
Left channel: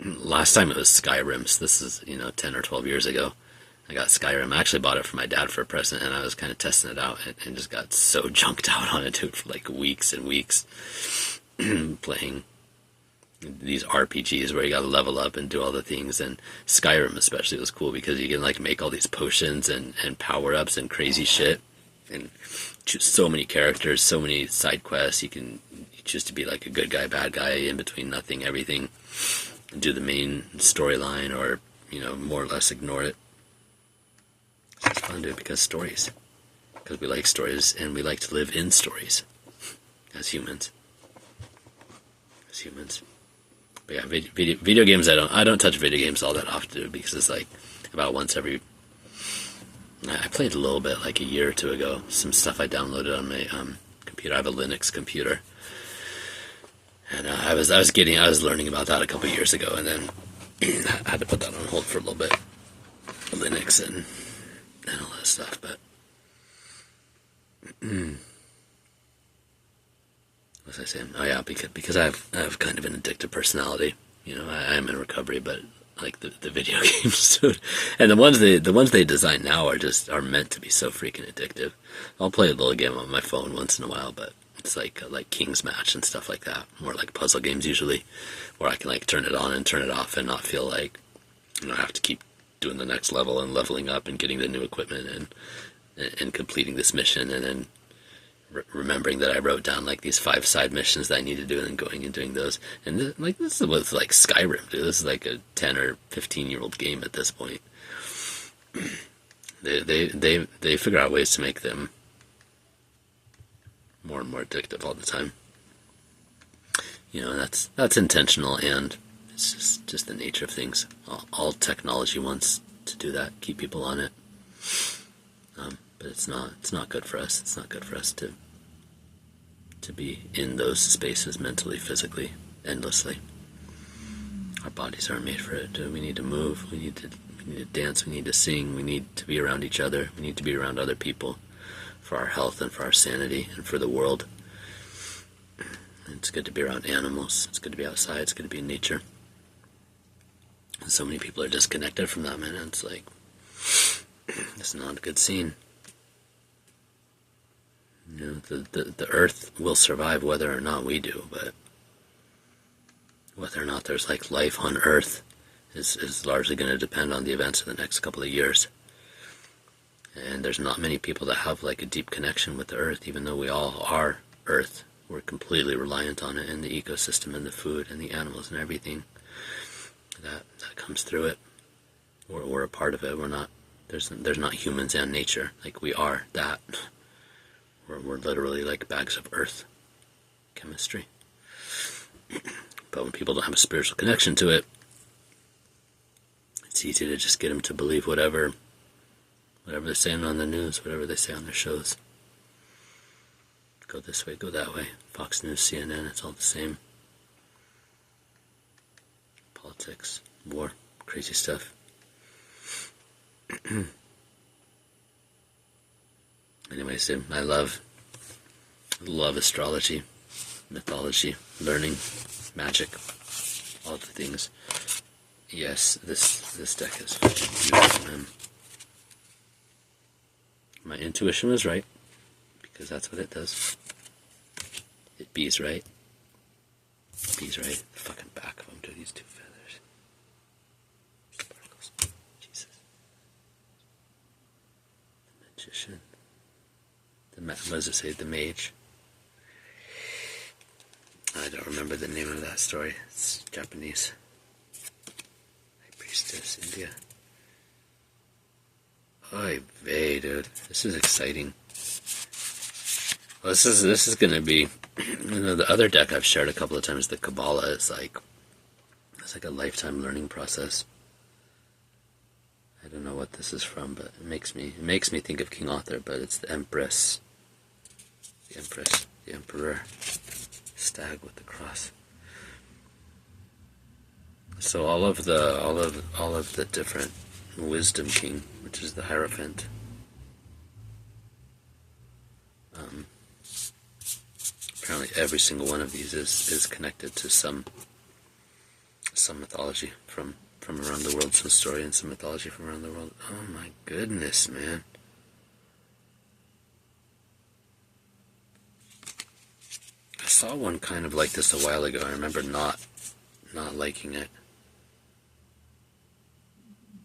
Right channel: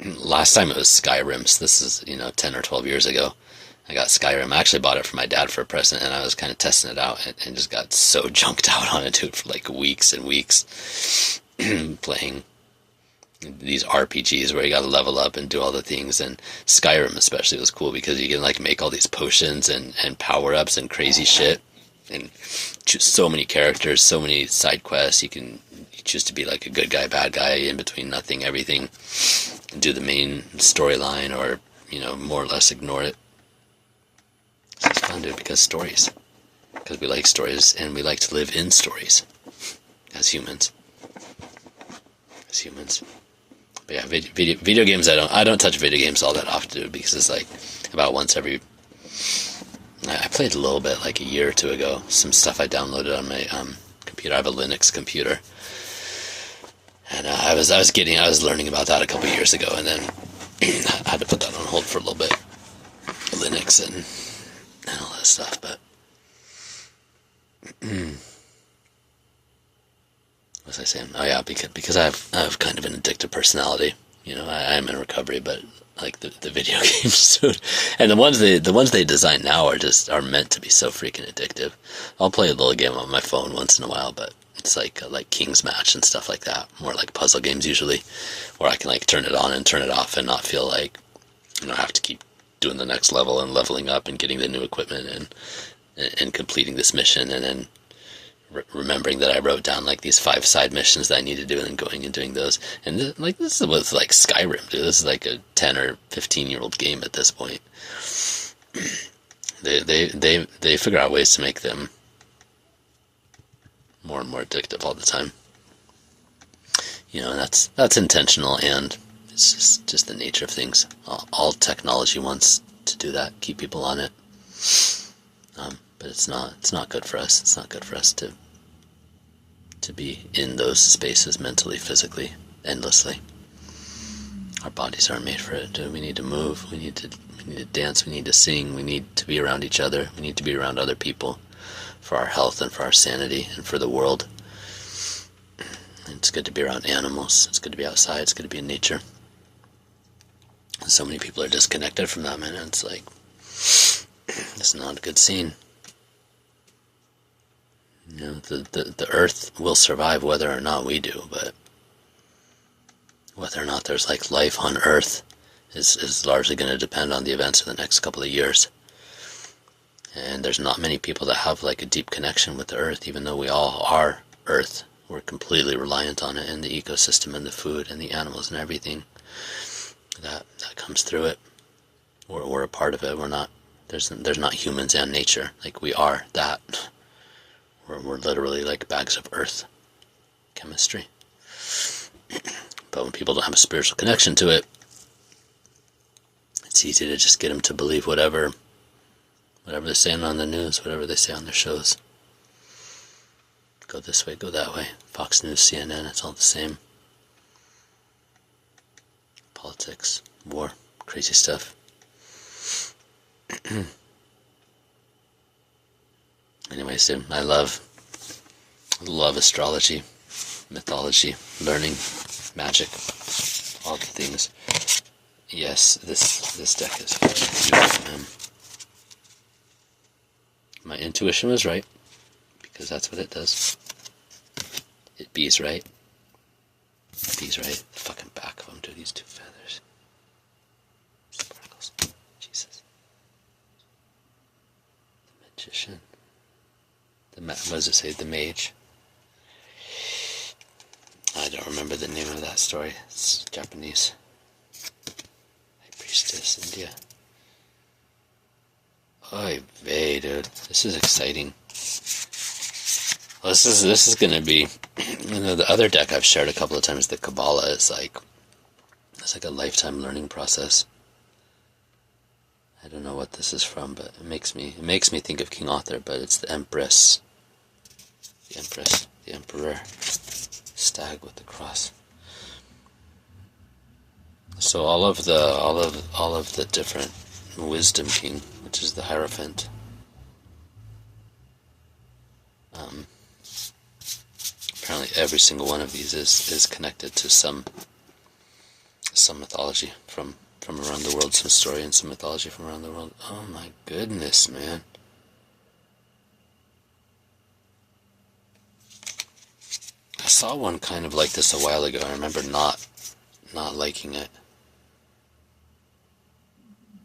last time it was Skyrim. So this is, 10 or 12 years ago. I got Skyrim. I actually bought it for my dad for a present, and I was kind of testing it out and just got so junked out on it, dude, for like weeks and weeks playing these RPGs where you got to level up and do all the things. And Skyrim especially was cool because you can like make all these potions and power-ups and crazy shit, and choose so many characters, so many side quests. You choose to be like a good guy, bad guy, in between, nothing, everything, and do the main storyline, or more or less ignore it. So it's fun, dude, because we like stories, and we like to live in stories as humans. But yeah, video games, I don't touch video games all that often, dude, because it's like about once every. I played a little bit like a year or two ago. Some stuff I downloaded on my computer. I have a Linux computer, and I was learning about that a couple years ago, and then I had to put that on hold for a little bit. Linux and all that stuff, but what was I saying? Oh yeah, because I have kind of an addictive personality. I am in recovery, but like the video games, dude. And the ones they design now are meant to be so freaking addictive. I'll play a little game on my phone once in a while, but it's like King's Match and stuff like that. More like puzzle games usually, where I can like turn it on and turn it off and not feel like I have to keep doing the next level and leveling up and getting the new equipment and completing this mission, and then remembering that I wrote down like these 5 side missions that I need to do, and then going and doing those. And this is with like Skyrim, dude. This is like a 10 or 15-year-old game at this point. They figure out ways to make them more and more addictive all the time. And that's intentional, and it's just the nature of things. All technology wants to do that, keep people on it. But it's not good for us. It's not good for us to be in those spaces mentally, physically, endlessly. Our bodies aren't made for it. We need to move. We need to dance. We need to sing. We need to be around each other. We need to be around other people for our health and for our sanity and for the world. It's good to be around animals. It's good to be outside. It's good to be in nature. And so many people are disconnected from that, man. And it's like, it's not a good scene. You know, the earth will survive whether or not we do, but whether or not there's like life on earth is largely going to depend on the events of the next couple of years. And there's not many people that have like a deep connection with the earth, even though we all are earth. We're completely reliant on it and the ecosystem and the food and the animals and everything that comes through it. We're a part of it. We're not, there's not humans and nature. Like, we are that. We're literally like bags of earth chemistry. But when people don't have a spiritual connection to it, it's easy to just get them to believe whatever they're saying on the news, whatever they say on their shows. Go this way, go that way. Fox News, CNN, it's all the same. Politics, war, crazy stuff. Anyways, dude, I love astrology, mythology, learning, magic, all the things. Yes, this deck is beautiful, man. My intuition was right, because that's what it does. It bees right. Bees right. The fucking back of them, dude. These two feathers. Sparkles. Jesus. The magician. What does it say? The mage. I don't remember the name of that story. It's Japanese. High Priestess, India. Oy vey, dude. This is exciting. Well, this is gonna be, you know, the other deck I've shared a couple of times, the Kabbalah, is like, it's like a lifetime learning process. I don't know what this is from, but it makes me think of King Arthur, but it's the Empress. The Empress, the Emperor, stag with the cross. So all of the different Wisdom King, which is the Hierophant, apparently every single one of these is connected to some mythology from around the world, some story and some mythology from around the world. Oh my goodness, man. I saw one kind of like this a while ago. I remember not liking it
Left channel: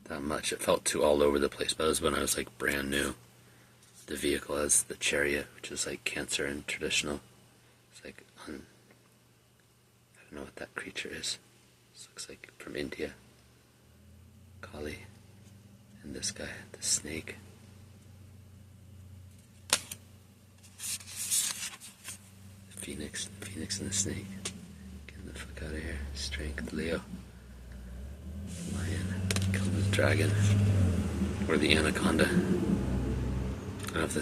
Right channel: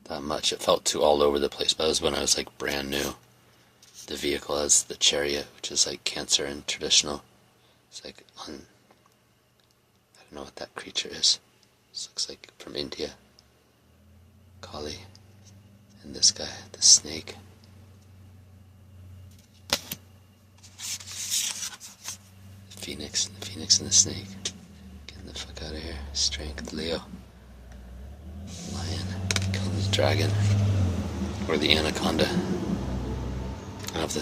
that much. It felt too all over the place, but it was when I was like brand new. The vehicle as the chariot, which is like Cancer and traditional. It's like I don't know what that creature is. This looks like from India. Kali. And this guy, the snake. The phoenix and the snake. Getting the fuck out of here. Strength, Leo. Lion. Killing the dragon. Or the anaconda. I don't know if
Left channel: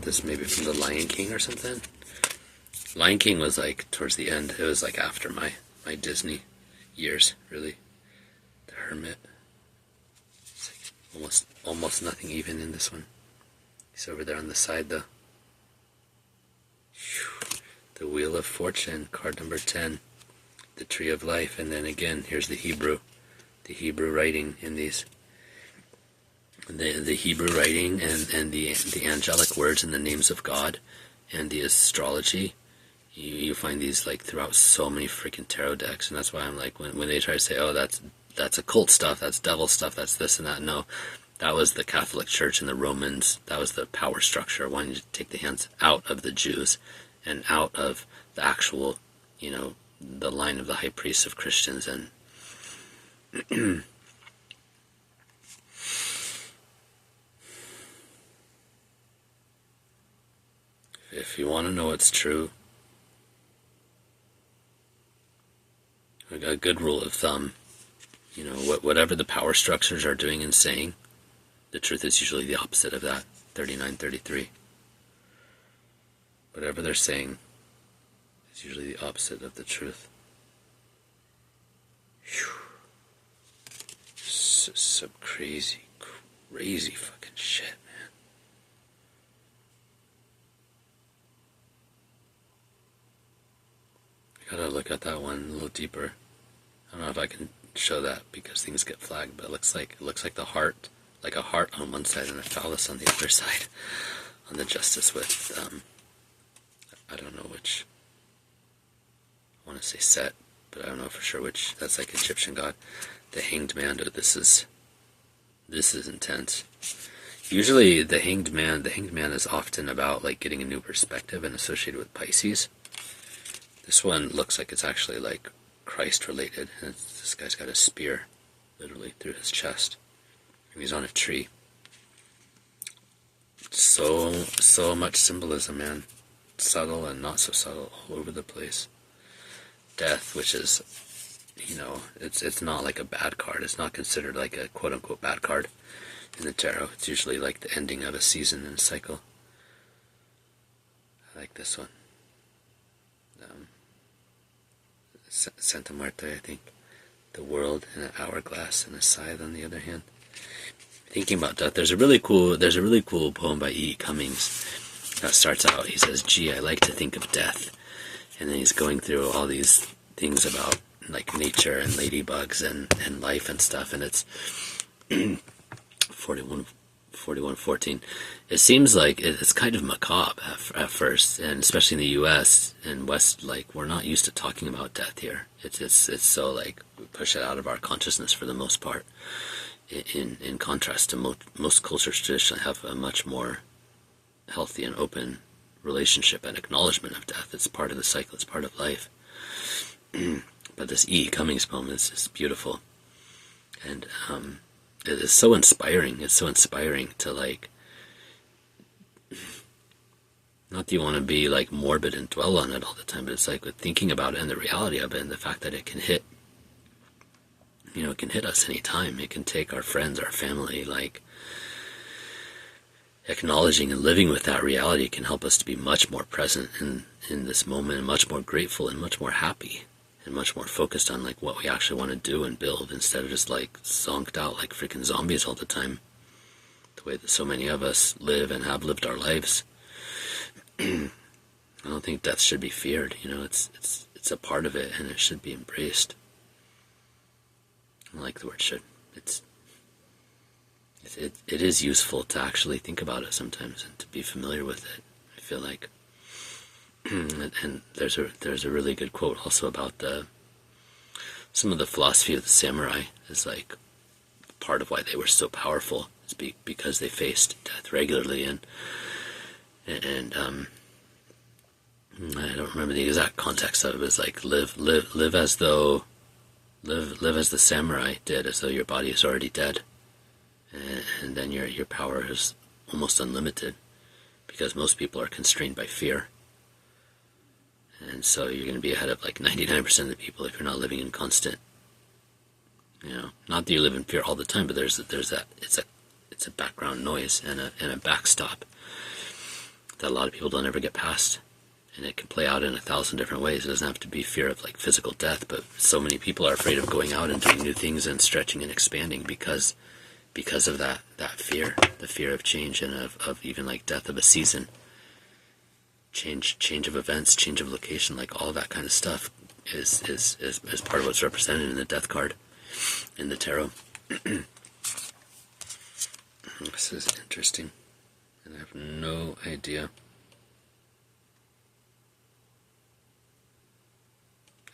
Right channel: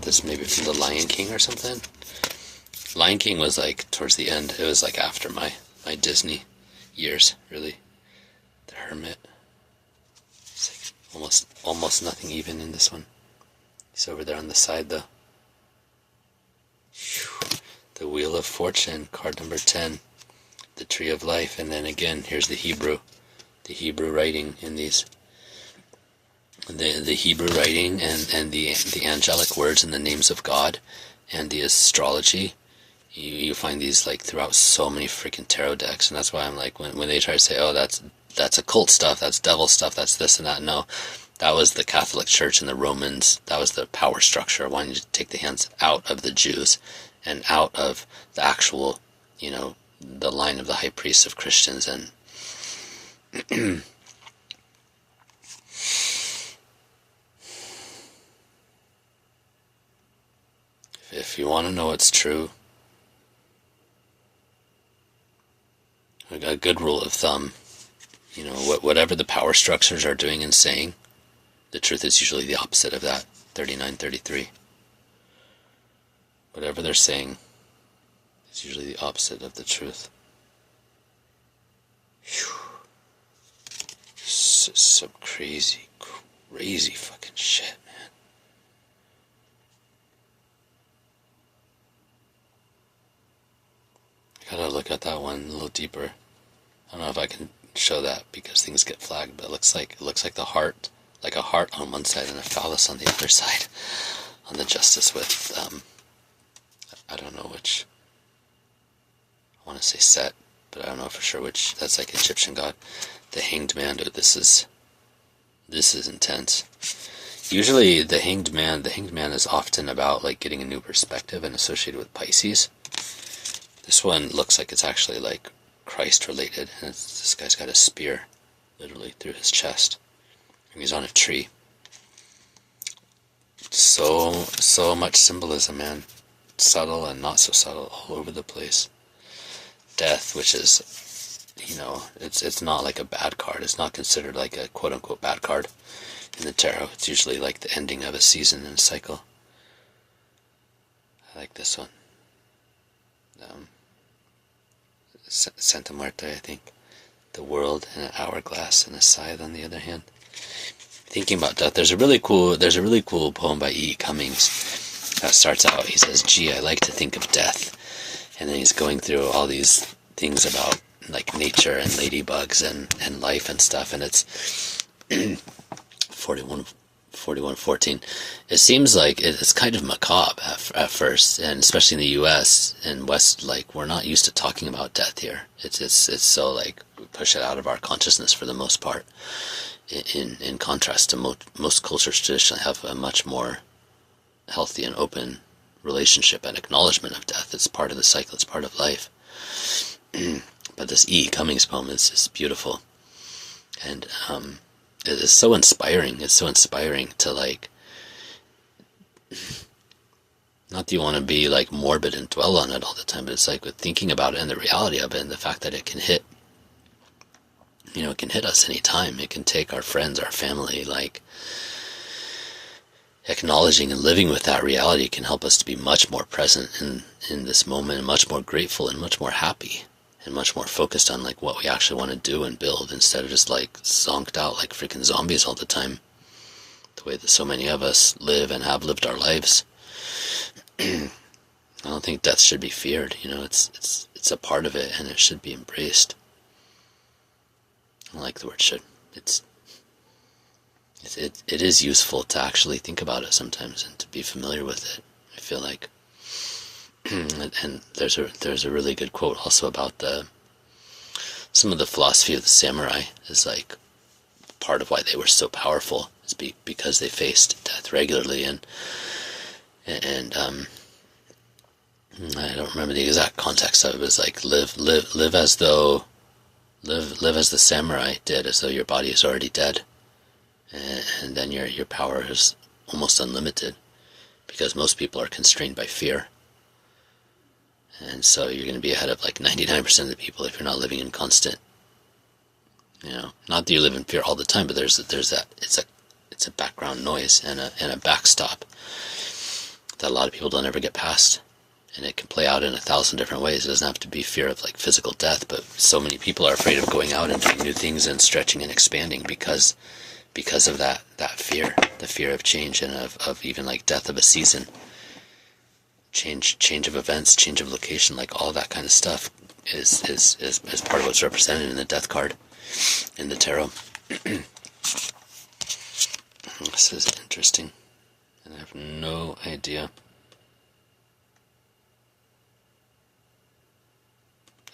this may be from the Lion King or something. Lion King was like towards the end. It was like after my Disney years, really. The Hermit. It's like almost nothing even in this one. He's over there on the side though. Whew. The Wheel of Fortune, card number 10. The Tree of Life, and then again here's the Hebrew writing in these. The Hebrew writing and the angelic words and the names of God and the astrology, you find these like throughout so many freaking tarot decks. And that's why I'm like, when they try to say, oh, that's occult stuff, that's devil stuff, that's this and that, no, that was the Catholic Church and the Romans. That was the power structure wanting to take the hands out of the Jews and out of the actual, you know, the line of the high priests of Christians. And if you want to know what's true, a good rule of thumb, you know, whatever the power structures are doing and saying, the truth is usually the opposite of that. 3933. Whatever they're saying is usually the opposite of the truth. Whew. Some crazy fucking shit, man. look at that one a little deeper. I don't know if I can show that because things get flagged, but it looks like the heart, like a heart on one side and a phallus on the other side, on the justice with, I don't know which, I want to say Set, but I don't know for sure which. That's like Egyptian god. The Hanged Man, dude, this is intense. Usually the Hanged Man is often about like getting a new perspective and associated with Pisces. This one looks like it's actually like Christ related, and this guy's got a spear literally through his chest, and he's on a tree. So much symbolism, man. Subtle and not so subtle, all over the place. Death, which is, it's not like a bad card. It's not considered like a quote-unquote bad card in the tarot. It's usually like the ending of a season and a cycle. I like this one. Santa Muerte, I think. The world and an hourglass and a scythe on the other hand. Thinking about death, there's a really cool poem by E. Cummings that starts out, he says, "Gee, I like to think of death." And then he's going through all these things about like nature and ladybugs and life and stuff, and it's 41:14. It seems like it's kind of macabre at first, and especially in the U.S. and West, like we're not used to talking about death here. It's so like we push it out of our consciousness for the most part. In contrast to most cultures traditionally have a much more healthy and open relationship and acknowledgement of death. It's part of the cycle. It's part of life. But this E. Cummings poem is beautiful, and it is so inspiring. It's so inspiring to like, not that you want to be like morbid and dwell on it all the time, but it's like with thinking about it and the reality of it and the fact that it can hit, it can hit us anytime. It can take our friends, our family, like acknowledging and living with that reality can help us to be much more present in this moment, and much more grateful and much more happy and much more focused on like what we actually want to do and build, instead of just like zonked out like freaking zombies all the time, the way that so many of us live and have lived our lives. I don't think death should be feared. It's a part of it, and it should be embraced. I like the word should. It is useful to actually think about it sometimes and to be familiar with it, I feel like. And there's a really good quote also about some of the philosophy of the samurai is like part of why they were so powerful is because they faced death regularly, and I don't remember the exact context of it, but it's like live as the samurai did, as though your body is already dead. And then your power is almost unlimited, because most people are constrained by fear. And so you're going to be ahead of like 99% of the people if you're not living in constant, not that you live in fear all the time, but there's that, it's a background noise and a backstop that a lot of people don't ever get past. And it can play out in 1,000 different ways. It doesn't have to be fear of like physical death, but so many people are afraid of going out and doing new things and stretching and expanding because of that fear, the fear of change, and of even like death of a season, change of events, change of location, like all that kind of stuff is part of what's represented in the death card in the tarot. This is interesting, and I have no idea.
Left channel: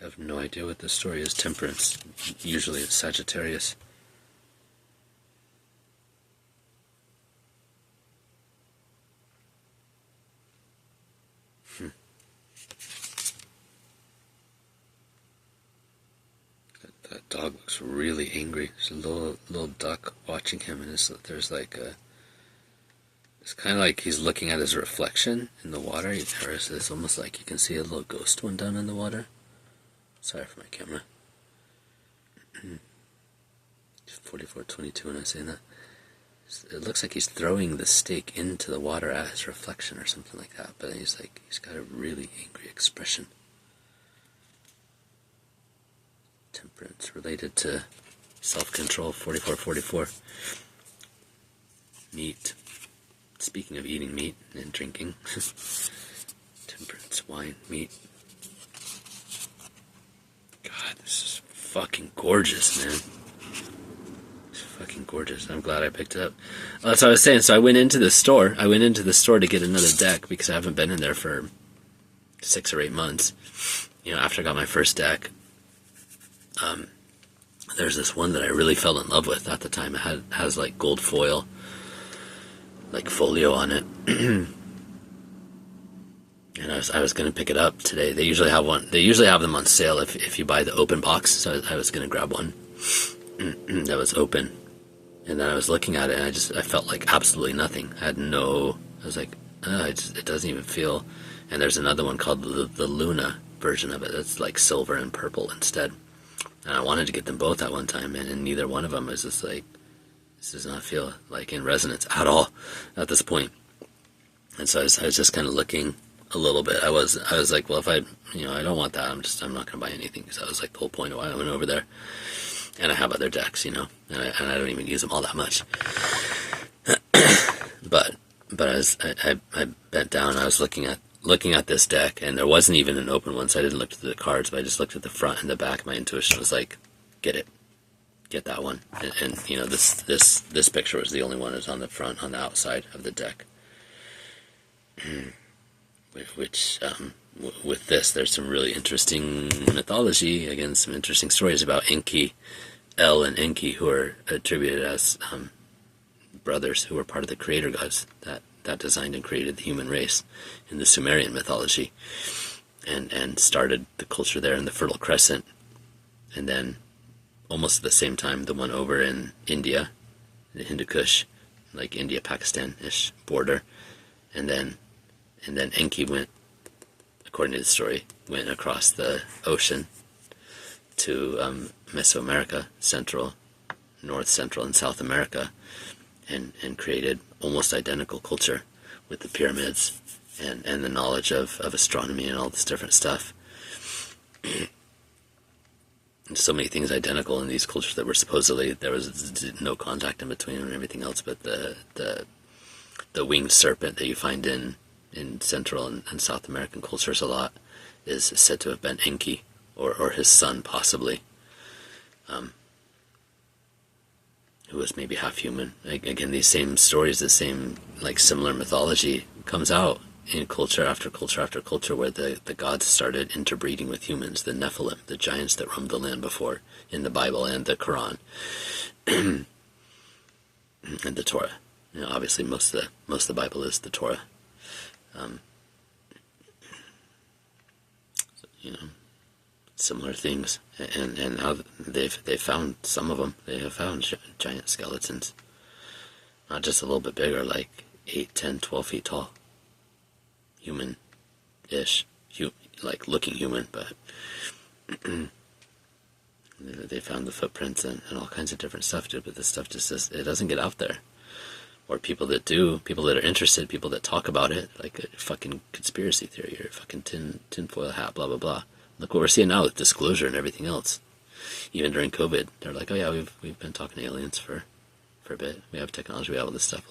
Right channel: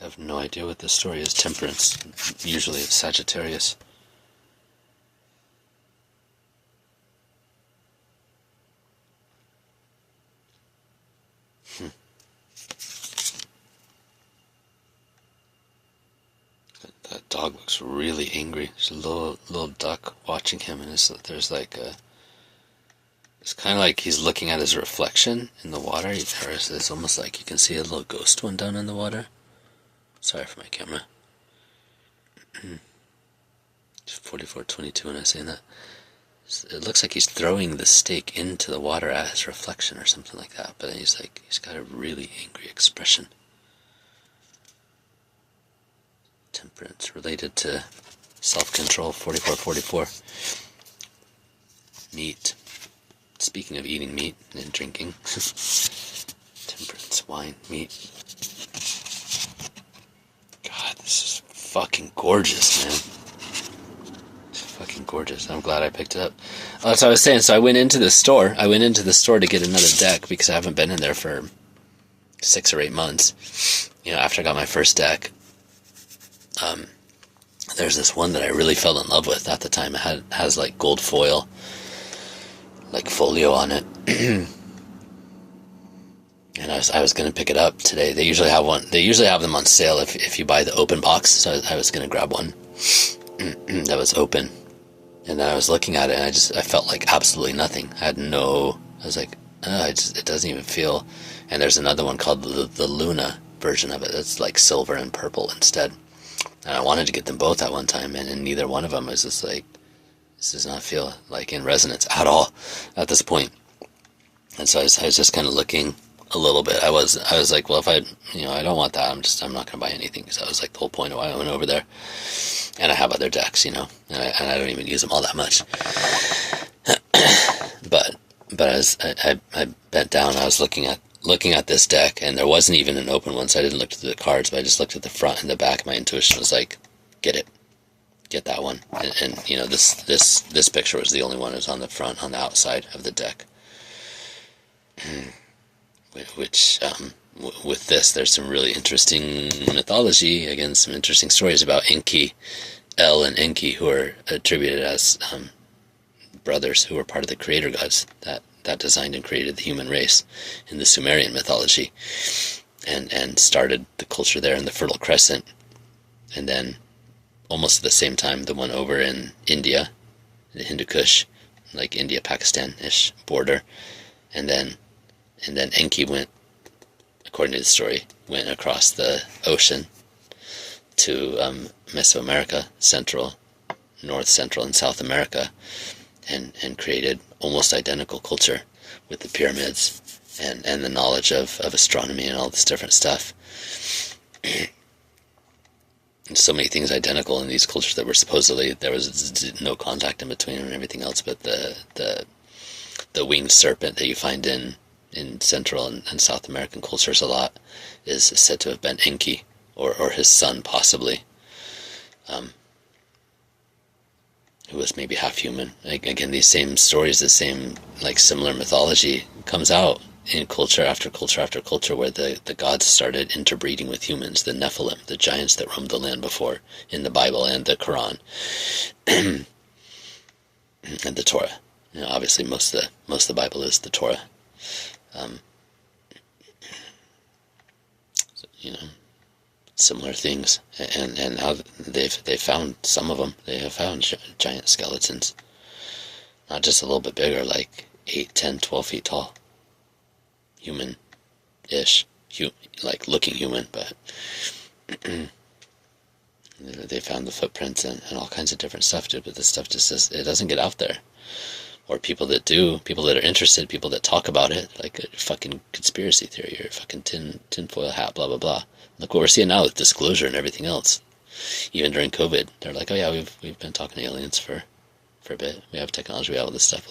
I have no idea what this story is. Temperance, usually it's Sagittarius. That dog looks really angry. There's a little duck watching him, and there's like it's kind of like he's looking at his reflection in the water. It's almost like you can see a little ghost one down in the water. Sorry for my camera. 44:22 when I say that. It looks like he's throwing the stake into the water at his reflection or something like that, but he's got a really angry expression. Temperance related to self-control, 44:44. Meat. Speaking of eating meat and drinking. Temperance, wine, meat. fucking gorgeous, man. It's fucking gorgeous. I'm glad I picked it up. Oh, that's what I was saying. So I went into the store. To get another deck because I haven't been in there for 6 or 8 months. After I got my first deck, there's this one that I really fell in love with at the time. It has like gold foil, like folio on it. And I was going to pick it up today. They usually have one. They usually have them on sale if you buy the open box. So I was going to grab one that was open. And then I was looking at it, and I felt like absolutely nothing. I was like, it doesn't even feel. And there's another one called the Luna version of it. That's like silver and purple instead. And I wanted to get them both at one time, and neither one of them was just like, this does not feel like in resonance at all at this point. And so I was just kind of looking a little bit. I was like, well, if I don't want that, I'm not going to buy anything, because that was like the whole point of why I went over there. And I have other decks, and I don't even use them all that much. but as I bent down, I was looking at this deck, and there wasn't even an open one, so I didn't look through the cards, but I just looked at the front and the back. My intuition was like, get that one. And this picture was the only one that was on the front, on the outside of the deck. Which, with this, there's some really interesting mythology, again, some interesting stories about Enki, El and Enki, who are attributed as brothers who were part of the creator gods that designed and created the human race in the Sumerian mythology, and started the culture there in the Fertile Crescent. And then, almost at the same time, the one over in India, the Hindu Kush, like India-Pakistan-ish border. And then Enki went, according to the story, went across the ocean to Mesoamerica, North, Central, and South America, and created almost identical culture with the pyramids and the knowledge of astronomy and all this different stuff. And so many things identical in these cultures that were supposedly, there was no contact in between and everything else, but the winged serpent that you find in Central and South American cultures a lot is said to have been Enki, or his son possibly, who was maybe half human. Again, these same stories, the same similar mythology comes out in culture after culture after culture, where the gods started interbreeding with humans, the Nephilim, the giants that roamed the land before, in the Bible and the Quran and the Torah. Obviously most of the Bible is the Torah. Similar things, and how they've found some of them. They have found giant skeletons, not just a little bit bigger, like 8, 10, 12 feet tall, human-ish, like looking human, but they found the footprints and all kinds of different stuff, but this stuff it doesn't get out there. Or people that are interested, people that talk about it, like a fucking conspiracy theory or a fucking tinfoil hat, blah, blah, blah. Look what we're seeing now with disclosure and everything else. Even during COVID, they're like, oh yeah, we've been talking to aliens for a bit. We have technology, we have all this stuff.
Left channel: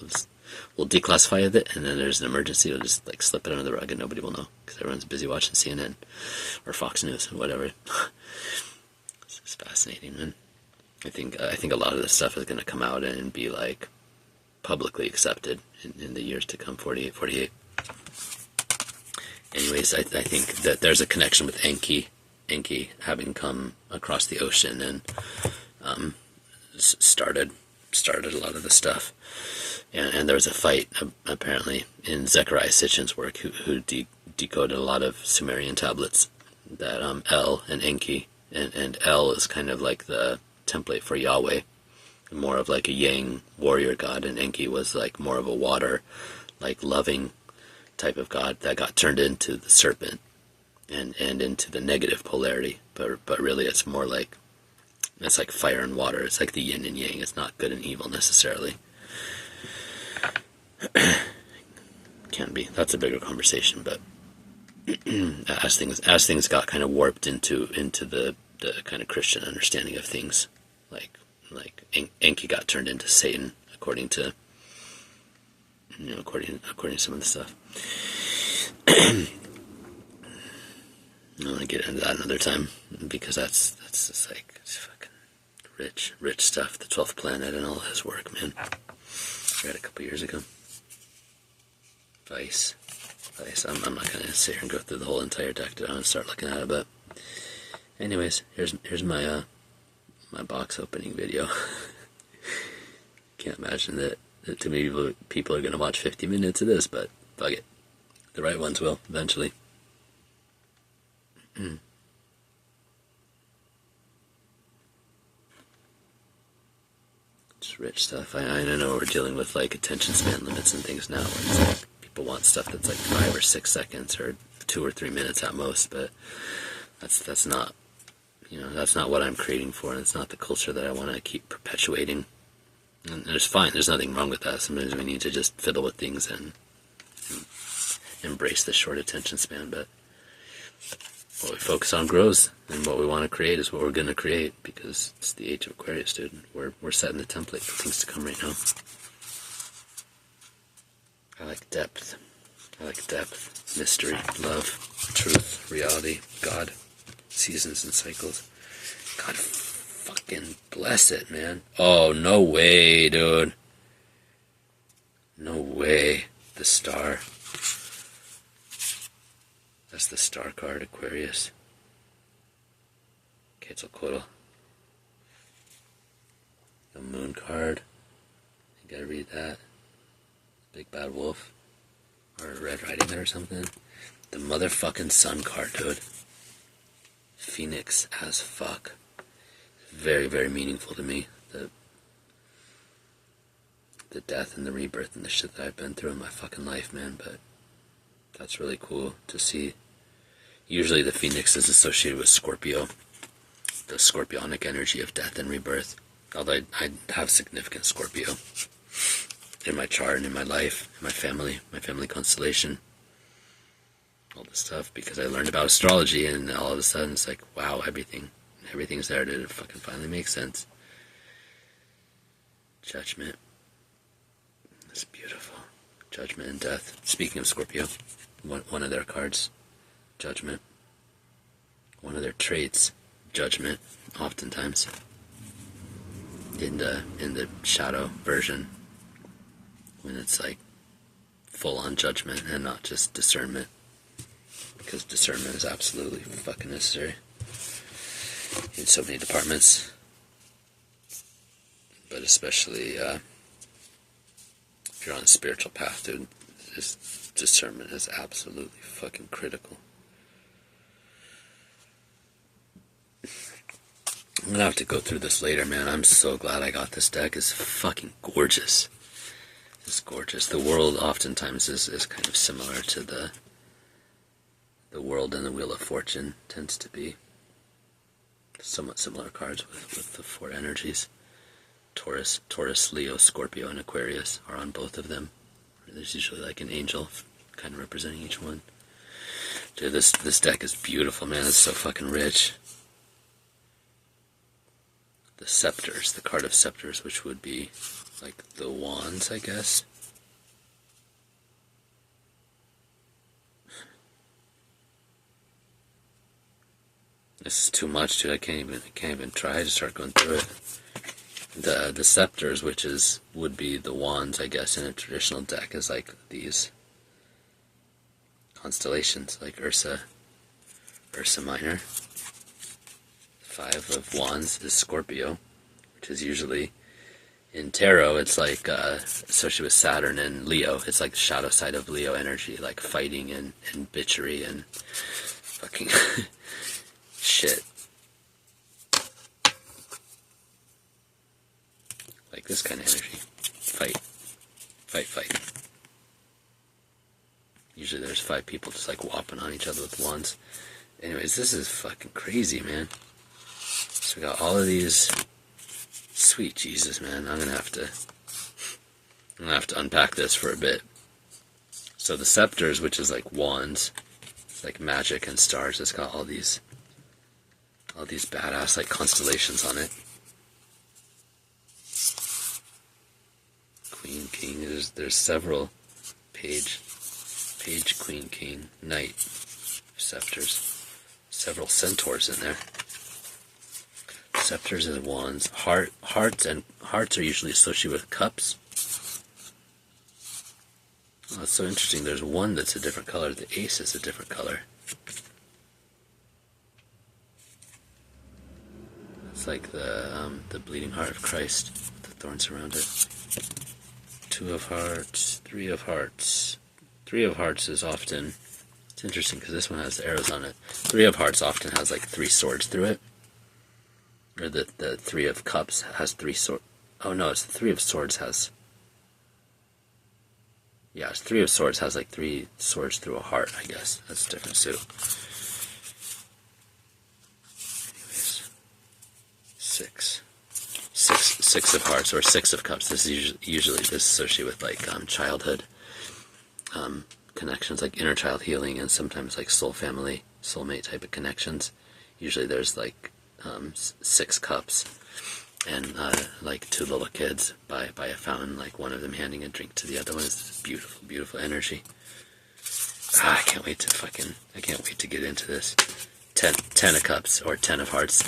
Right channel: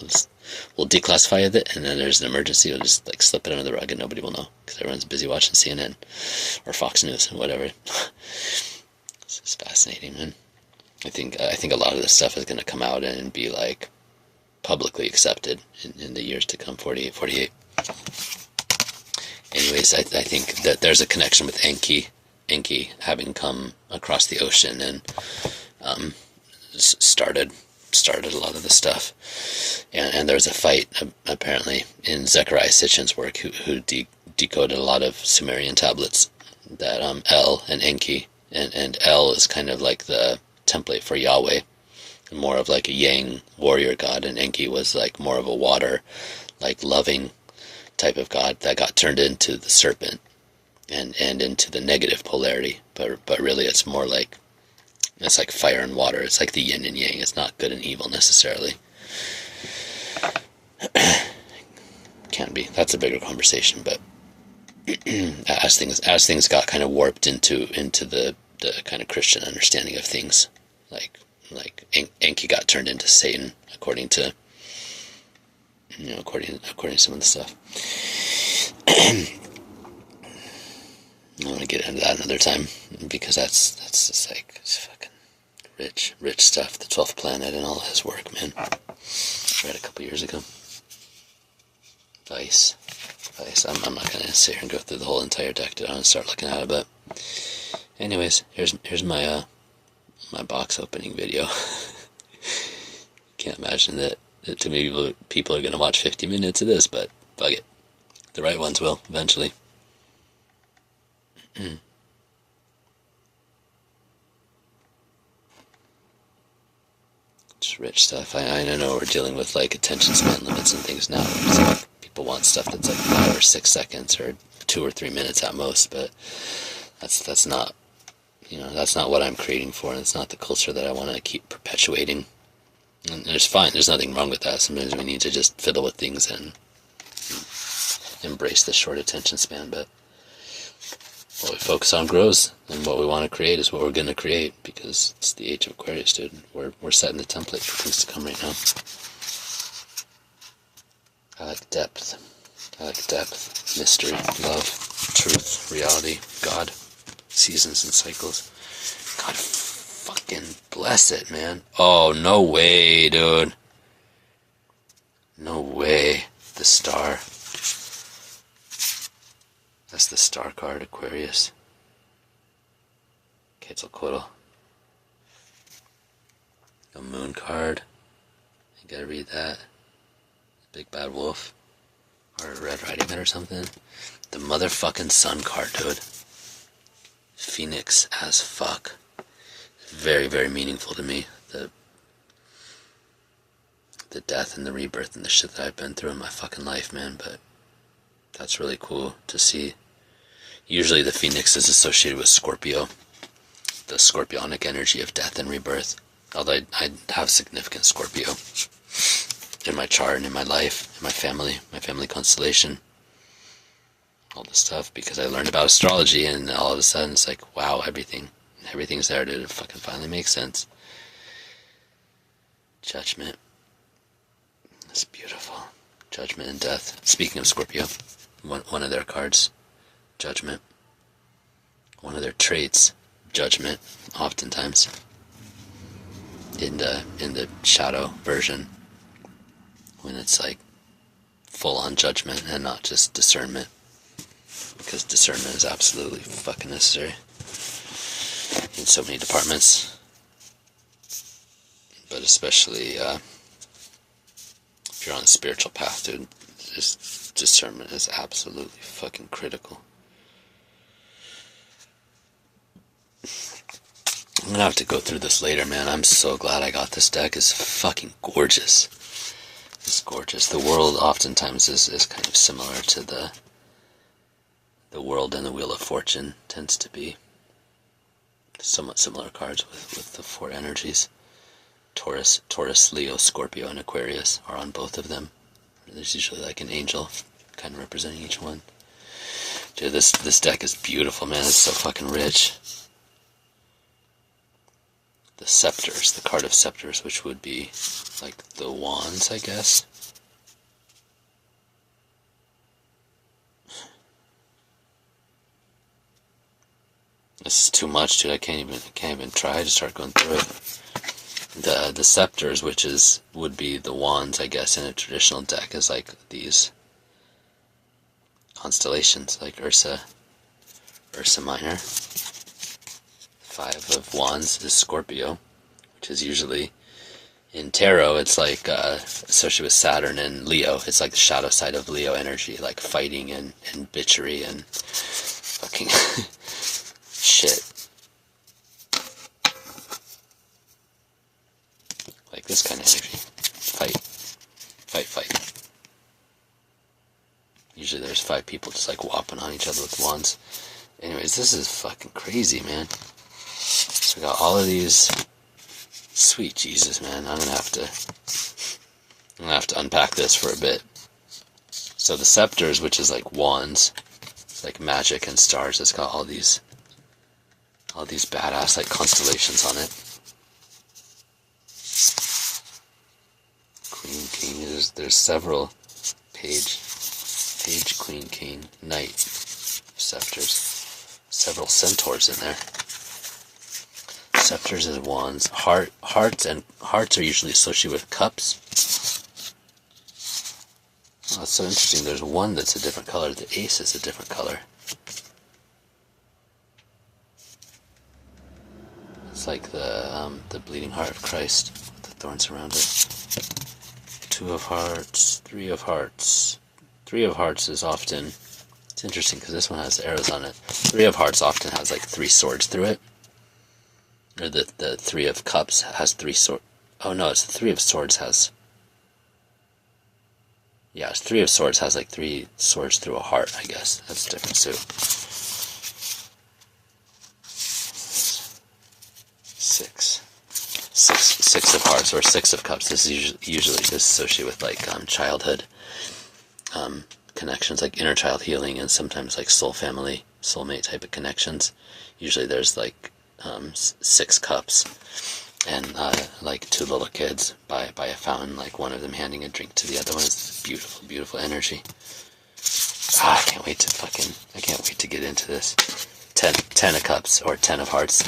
We'll declassify it, and then there's an emergency, we'll just slip it under the rug and nobody will know, because everyone's busy watching CNN or Fox News and whatever. This is fascinating, man. I think a lot of this stuff is going to come out and be publicly accepted in the years to come. 48. Anyways, I think that there's a connection with Enki having come across the ocean and started a lot of the stuff. And there was a fight apparently in Zecharia Sitchin's work, who decoded a lot of Sumerian tablets, that El and Enki, and El is kind of like the template for Yahweh, more of like a yang warrior god, and Enki was more of a water, loving type of god that got turned into the serpent and into the negative polarity, but really it's more it's like fire and water. It's like the yin and yang. It's not good and evil necessarily. Can be. That's a bigger conversation, but as things got kind of warped into the kind of Christian understanding of things, like Enki got turned into Satan, according to according to some of the stuff. I want to get into that another time, because that's just like, it's fucking rich stuff. The 12th planet and all his work, man. I read a couple years ago. Vice. I'm not gonna sit here and go through the whole entire deck today and start looking at it, but anyways, here's my my box opening video. Can't imagine that too many people are gonna watch 50 minutes of this, but fuck it. The right ones will eventually. It's rich stuff. I know we're dealing with like attention span limits and things now, where it's like people want stuff that's like 5 or 6 seconds or 2 or 3 minutes at most, but that's not, you know, that's not what I'm creating for, and it's not the culture that I want to keep perpetuating. And it's fine. There's nothing wrong with that. Sometimes we need to just fiddle with things and embrace the short attention span, but what we focus on grows, and what we want to create is what we're going to create, because it's the age of Aquarius, dude. We're setting the template for things to come right now. I like depth. Mystery, love, truth, reality, God, seasons and cycles. God fucking bless it, man. Oh, no way, dude. No way. The star. That's the star card, Aquarius. Quetzalcoatl. The moon card. You gotta read that. Big Bad Wolf. Or Red Riding Hood or something. The motherfucking sun card, dude. Phoenix as fuck. Very, very meaningful to me. The death and the rebirth and the shit that I've been through in my fucking life, man. But that's really cool to see. Usually the Phoenix is associated with Scorpio. The scorpionic energy of death and rebirth. Although I have significant Scorpio in my chart and in my life, in my family constellation, all this stuff, because I learned about astrology, and all of a sudden it's like, wow, everything's there, dude. It fucking finally makes sense. Judgment. It's beautiful. Judgment and death. Speaking of Scorpio, one of their cards, Judgment. One of their traits, Judgment, oftentimes. In the shadow version, when it's like full-on judgment and not just discernment, because discernment is absolutely fucking necessary in so many departments, but especially if you're on a spiritual path, dude. Just discernment is absolutely fucking critical. I'm gonna have to go through this later, man. I'm so glad I got this deck. It's fucking gorgeous. It's gorgeous. The world oftentimes is kind of similar to the world and the Wheel of Fortune tends to be somewhat similar cards with the 4 energies. Taurus, Leo, Scorpio, and Aquarius are on both of them. There's usually like an angel kind of representing each one. Dude, this deck is beautiful, man. It's so fucking rich. The scepters, the card of scepters, which would be like the wands, I guess. This is too much, dude. I can't even try to start going through it. The scepters, which would be the wands, I guess, in a traditional deck, is like these constellations, like Ursa Minor. 5 of Wands is Scorpio, which is usually, in tarot, it's like associated with Saturn and Leo. It's like the shadow side of Leo energy, like fighting and bitchery and fucking shit. Like this kind of energy. Fight. Usually there's 5 people just like whopping on each other with wands. Anyways, this is fucking crazy, man. So we got all of these. Sweet Jesus, man. I'm gonna have to unpack this for a bit. So the scepters, which is like wands, like magic and stars, it's got all these badass like constellations on it. Queen, King. There's several. Page, Queen, King, Knight, scepters. several centaurs in there. Scepters and wands. Hearts are usually associated with cups. Oh, it's so interesting. There's one that's a different color. The ace is a different color. It's like the bleeding heart of Christ with the thorns around it. Two of hearts, three of hearts. Three of hearts is often, it's interesting because this one has arrows on it. Three of hearts often has like 3 swords through it. Or the three of cups has 3 swords. Oh no, it's the 3 of swords has. Yeah, it's 3 of swords has like 3 swords through a heart, I guess. That's a different suit. Six of hearts or 6 of cups. This is usually associated with like childhood connections, like inner child healing, and sometimes like soul family, soulmate type of connections. Usually there's like 6 cups and like 2 little kids by a fountain, like one of them handing a drink to the other one. Is beautiful, beautiful energy. I can't wait to get into this. 10 of cups or 10 of hearts,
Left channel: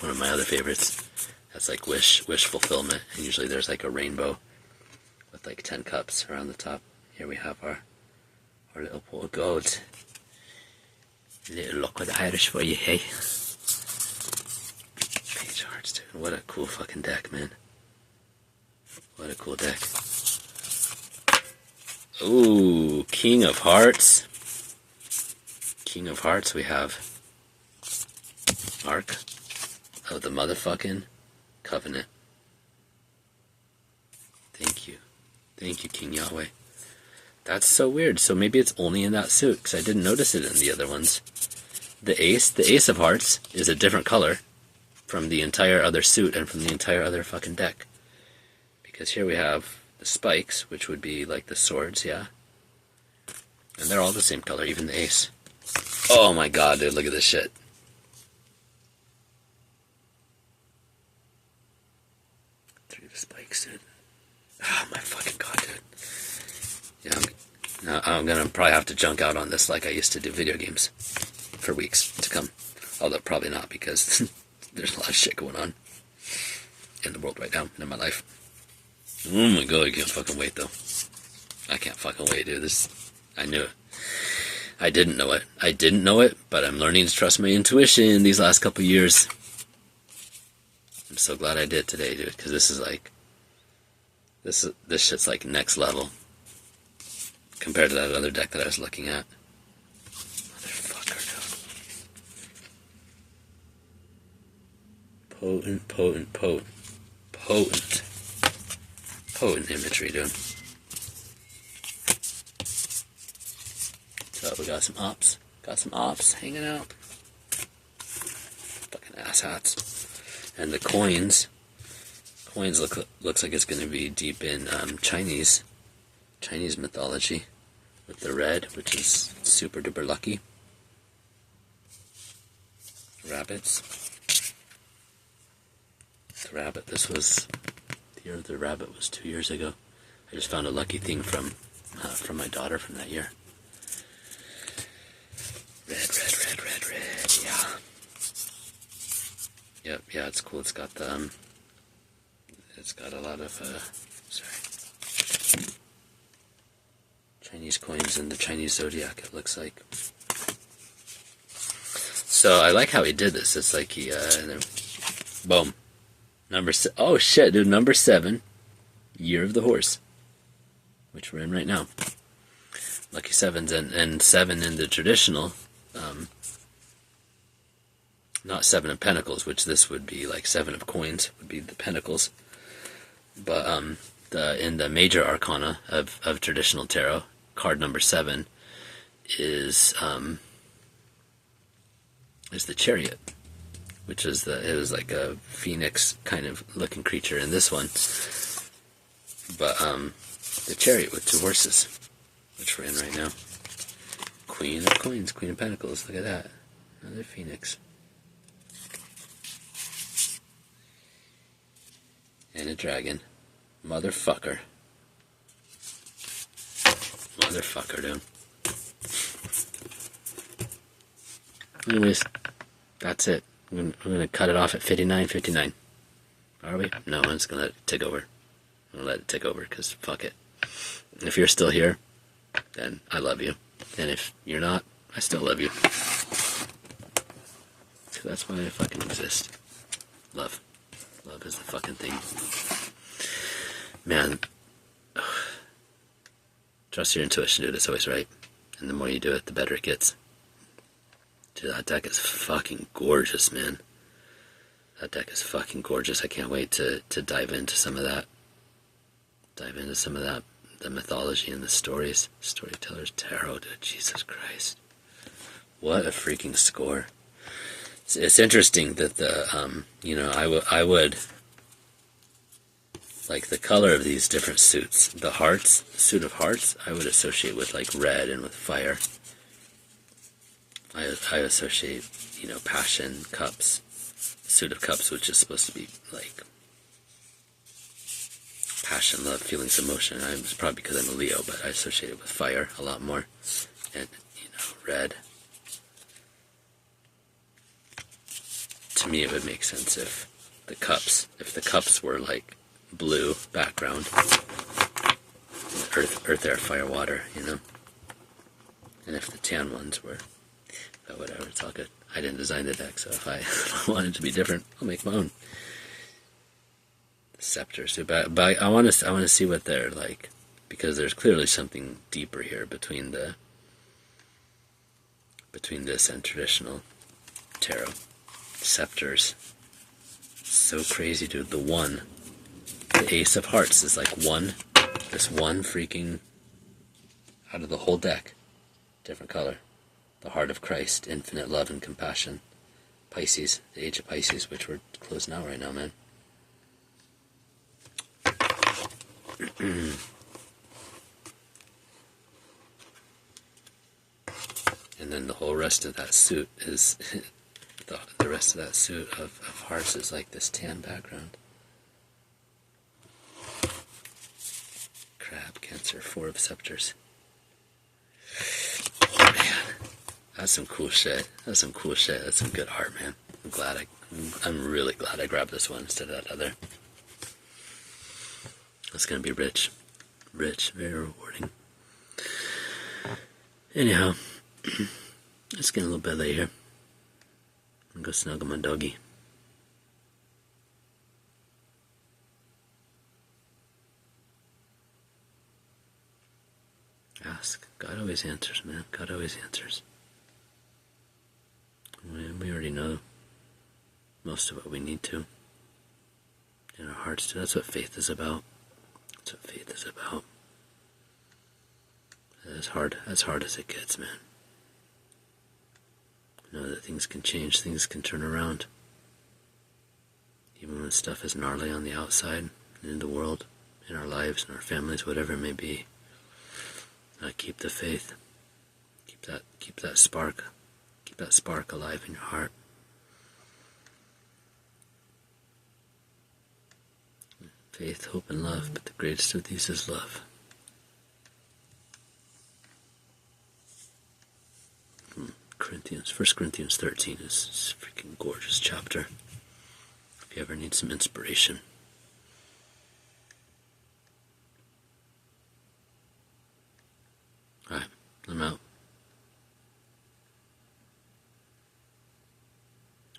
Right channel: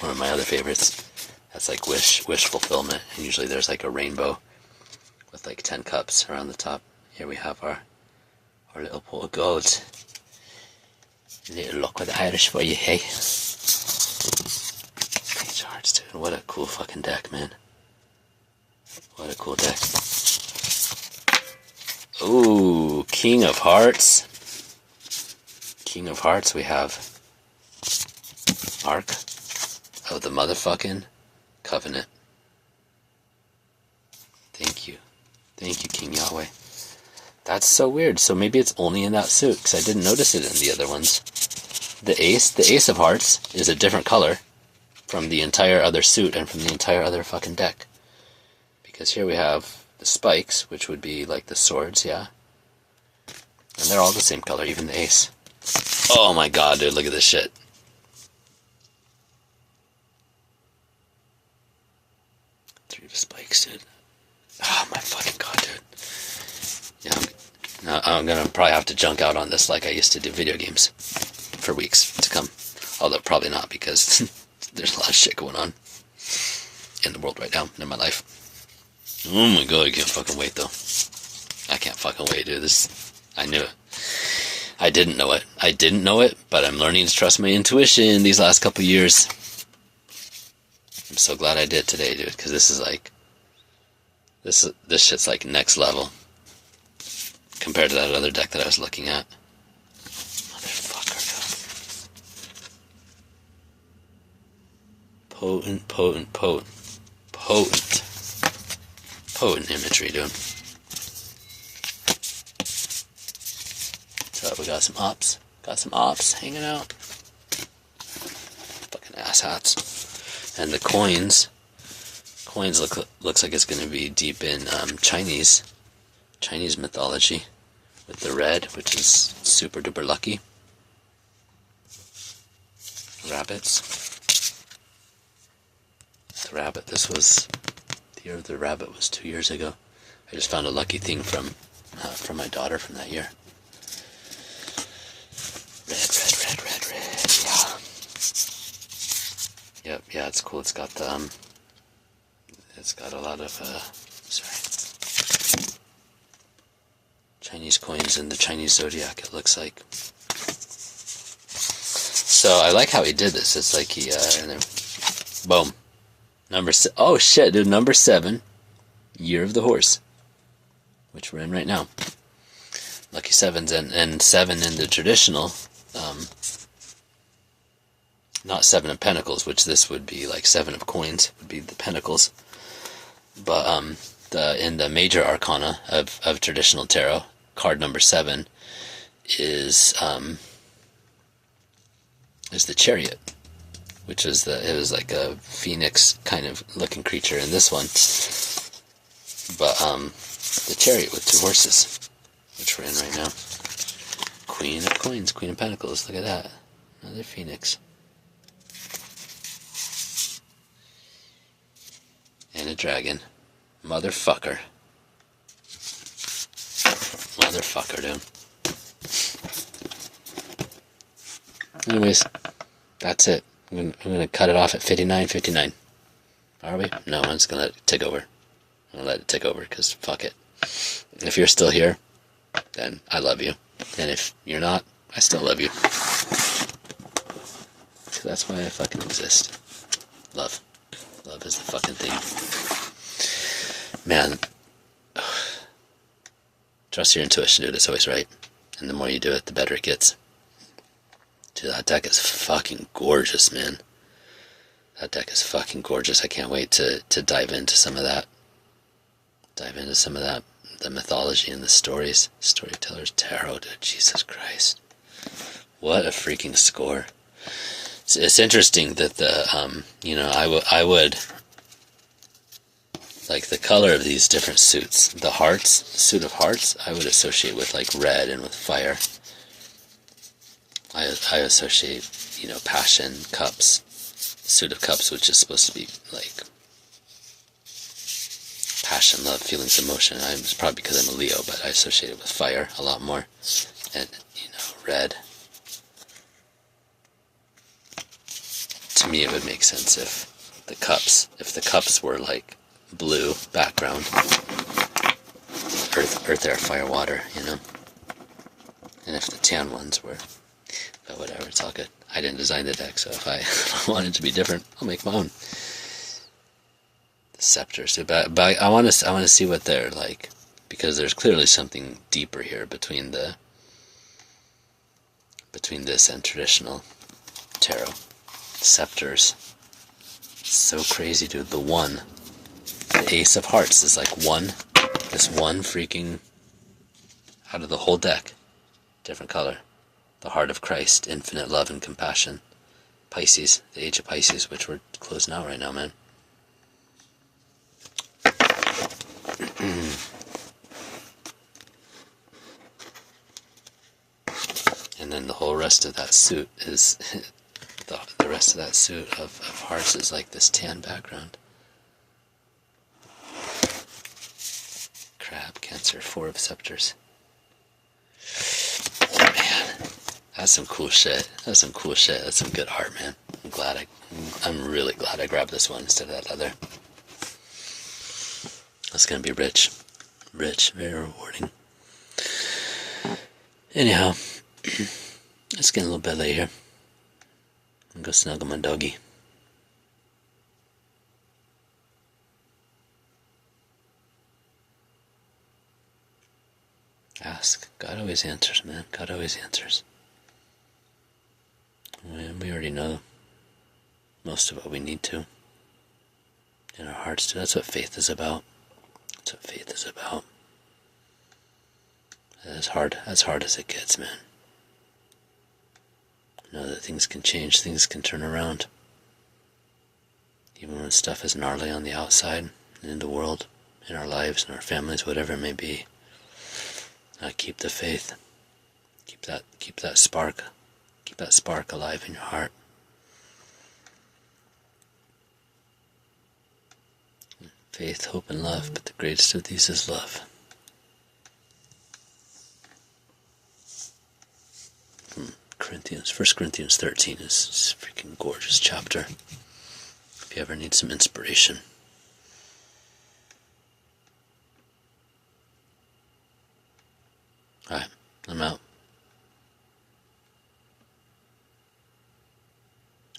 one of my other favorites. That's like wish fulfillment, and usually there's like a rainbow with like 10 cups around the top. Here we have our little pot of gold. Little luck with the Irish for you, hey? Page of hearts, dude. What a cool fucking deck, man. What a cool deck. Ooh, King of Hearts. King of Hearts, we have Ark of the motherfucking Covenant. Thank you, King Yahweh. That's so weird. So maybe it's only in that suit, because I didn't notice it in the other ones. The Ace of Hearts is a different color from the entire other suit and from the entire other fucking deck. Because here we have the spikes, which would be like the swords, yeah? And they're all the same color, even the ace. Oh my god, dude, look at this shit. Three of spikes, dude. Oh my fucking god, dude. Yeah, I'm gonna probably have to junk out on this like I used to do video games for weeks to come. Although probably not, because there's a lot of shit going on in the world right now, in my life. Oh my god, I can't fucking wait though. I can't fucking wait, dude. I knew it. I didn't know it, but I'm learning to trust my intuition these last couple years. I'm so glad I did today, dude, because this is like, this shit's like next level compared to that other deck that I was looking at. Motherfucker, dude. Potent imagery, dude. So we got some ops hanging out. Fucking asshats. And the coins looks like it's going to be deep in Chinese mythology with the red, which is super duper lucky. Rabbits. The rabbit. This was the year of the rabbit was 2 years ago. I just found a lucky thing from my daughter from that year. Red. Yeah. Yep. Yeah, it's cool. It's got the it's got a lot of Chinese coins in the Chinese zodiac, it looks like. So I like how he did this. It's like he boom. Oh shit, dude, number 7, Year of the Horse, which we're in right now. Lucky sevens, and 7 in the traditional, not 7 of Pentacles, which this would be like 7 of Coins, would be the Pentacles. But in the major arcana of traditional tarot, card number 7 is the Chariot, which is it was like a phoenix kind of looking creature in this one. But the Chariot with 2 horses, which we're in right now. Queen of Coins, Queen of Pentacles, look at that. Another phoenix. And a dragon. Motherfucker, dude. Anyways, that's it. I'm gonna cut it off at 59:59. Are we? No, I'm just gonna let it tick over. I'm gonna let it tick over because fuck it. If you're still here, then I love you. And if you're not, I still love you. So that's why I fucking exist. Love. Love is the fucking thing. Man, trust your intuition, dude. It's always right. And the more you do it, the better it gets. Dude, that deck is fucking gorgeous, man. That deck is fucking gorgeous. I can't wait to dive into some of that. Dive into some of that. The mythology and the stories. Storyteller's Tarot, dude. Jesus Christ. What a freaking score. It's interesting that the, you know, I would, like the color of these different suits, the hearts, suit of hearts, I would associate with like red and with fire. I associate, you know, passion, cups, suit of cups, which is supposed to be like passion, love, feelings, emotion. It's probably because I'm a Leo, but I associate it with fire a lot more. And, you know, red. To me, it would make sense if the cups were like blue background, earth, air, fire, water, you know. And if the tan ones were, but whatever, it's all good. I didn't design the deck, so if I want it to be different, I'll make my own. The scepters, but I want to see what they're like, because there's clearly something deeper here between this and traditional tarot. Scepters, so crazy, dude. The Ace of Hearts is like this one freaking out of the whole deck, different color. The Heart of Christ, infinite love and compassion. Pisces, the Age of Pisces, which we're closing out right now, man. And then the whole rest of that suit is the rest of that suit of hearts is like this tan background. Crab, Cancer, Four of Scepters. Man, that's some cool shit. That's some cool shit. That's some good art, man. I'm really glad I grabbed this one instead of that other. That's gonna be rich, very rewarding. Anyhow, it's getting a little bit late here. I'm gonna go snuggle my doggy. Ask. God always answers, man. God always answers. And we already know most of what we need to in our hearts too. That's what faith is about. That's what faith is about. As hard as it gets, man. Know that things can change, things can turn around. Even when stuff is gnarly on the outside, in the world, in our lives, in our families, whatever it may be. Keep the faith. Keep that spark. Keep that spark alive in your heart. Faith, hope, and love, but the greatest of these is love. Corinthians, 1 Corinthians 13 is a freaking gorgeous chapter. If you ever need some inspiration. Alright, I'm out.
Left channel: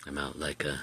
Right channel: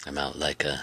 I'm out like a